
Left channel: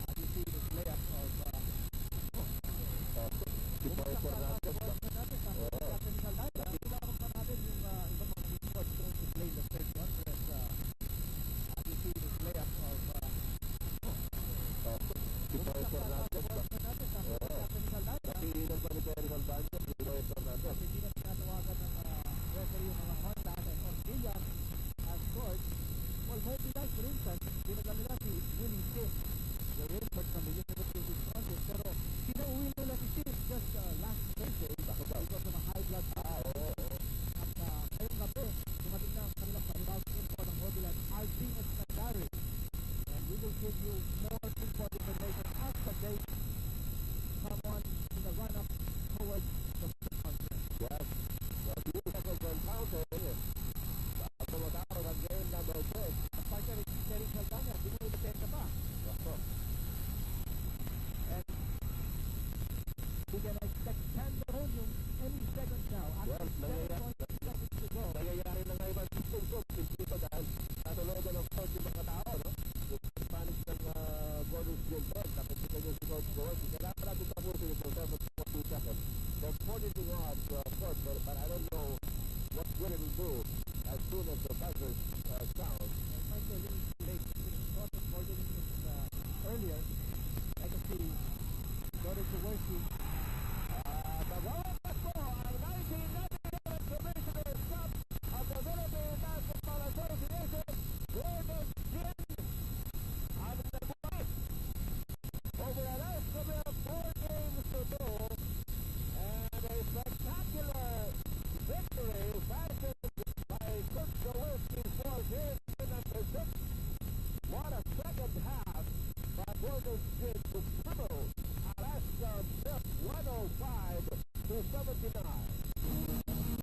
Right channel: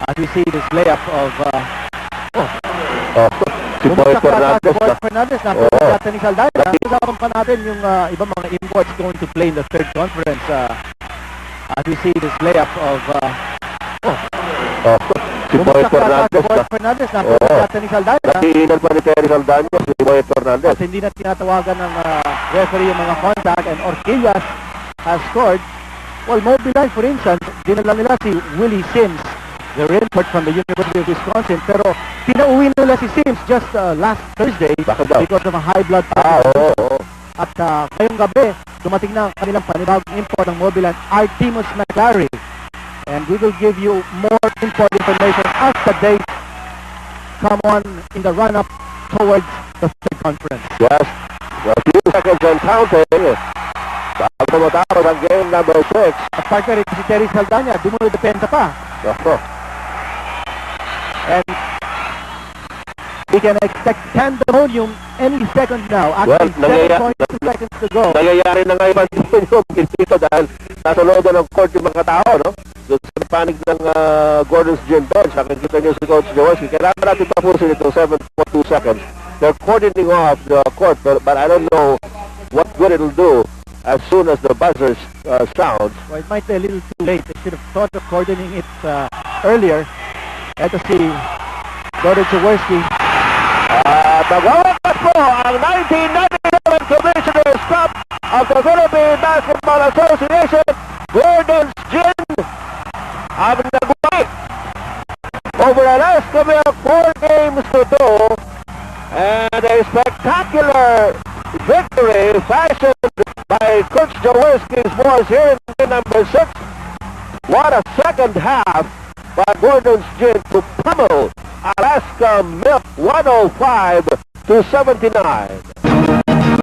As we see this layup of Si Boy Fernandez. Boy Fernandez na yata ni Saldana. Pag-usapan pa natin yung ibang mga imports going to play in the third conference. As we see this layup of Si Boy Fernandez. Boy Fernandez na yata ni Saldana. Nakiinan pa ni Terry Saldana, si Boy Fernandez. At hindi na tinatawagan ng referee yung mga contact, and Orquillas has scored. Well, Mobiline, for instance, dinala nila si Willie Sims, the import from the University of Wisconsin, pero pinauwi nila si Sims just last Thursday because of a high blood pressure. At ngayong gabi, dumating na ang kanilang panibagong import ng Mobiline, Artemus McLary. And we will give you more import information as the days come on in the run-up towards the third conference. Yes, a few seconds and counting. Bago matapos ang game number 6. At partner si Terry Saldana, dumudepensa pa. And we can expect pandemonium any second now. Actually, 7.2 seconds to go. Nangyayari na ngayon yung dito dahil nasa looban ng court yung mga tao, no? Doon sa panig ng Gordon's Gin bench, nakikita niyo si Coach Jaworski. Kailangan natin tapusin ito 7.2 seconds. They're cordoning off the court, but I don't know what good it'll do as soon as the buzzer sounds. Well, it might be a little too late. They should have thought of cordoning it earlier. Ito si Gordon Jaworski. Magawakas po ang 1997 Commissioner's Cup of the Philippine Basketball Association. Gordon's Gin ang nagwagi over Alaska Milk 4 games to 2, and a spectacular victory fashioned by Coach Jaworski's boys here in game number 6. What a second half by Gordon's Gin to pummel Alaska Milk 105-79.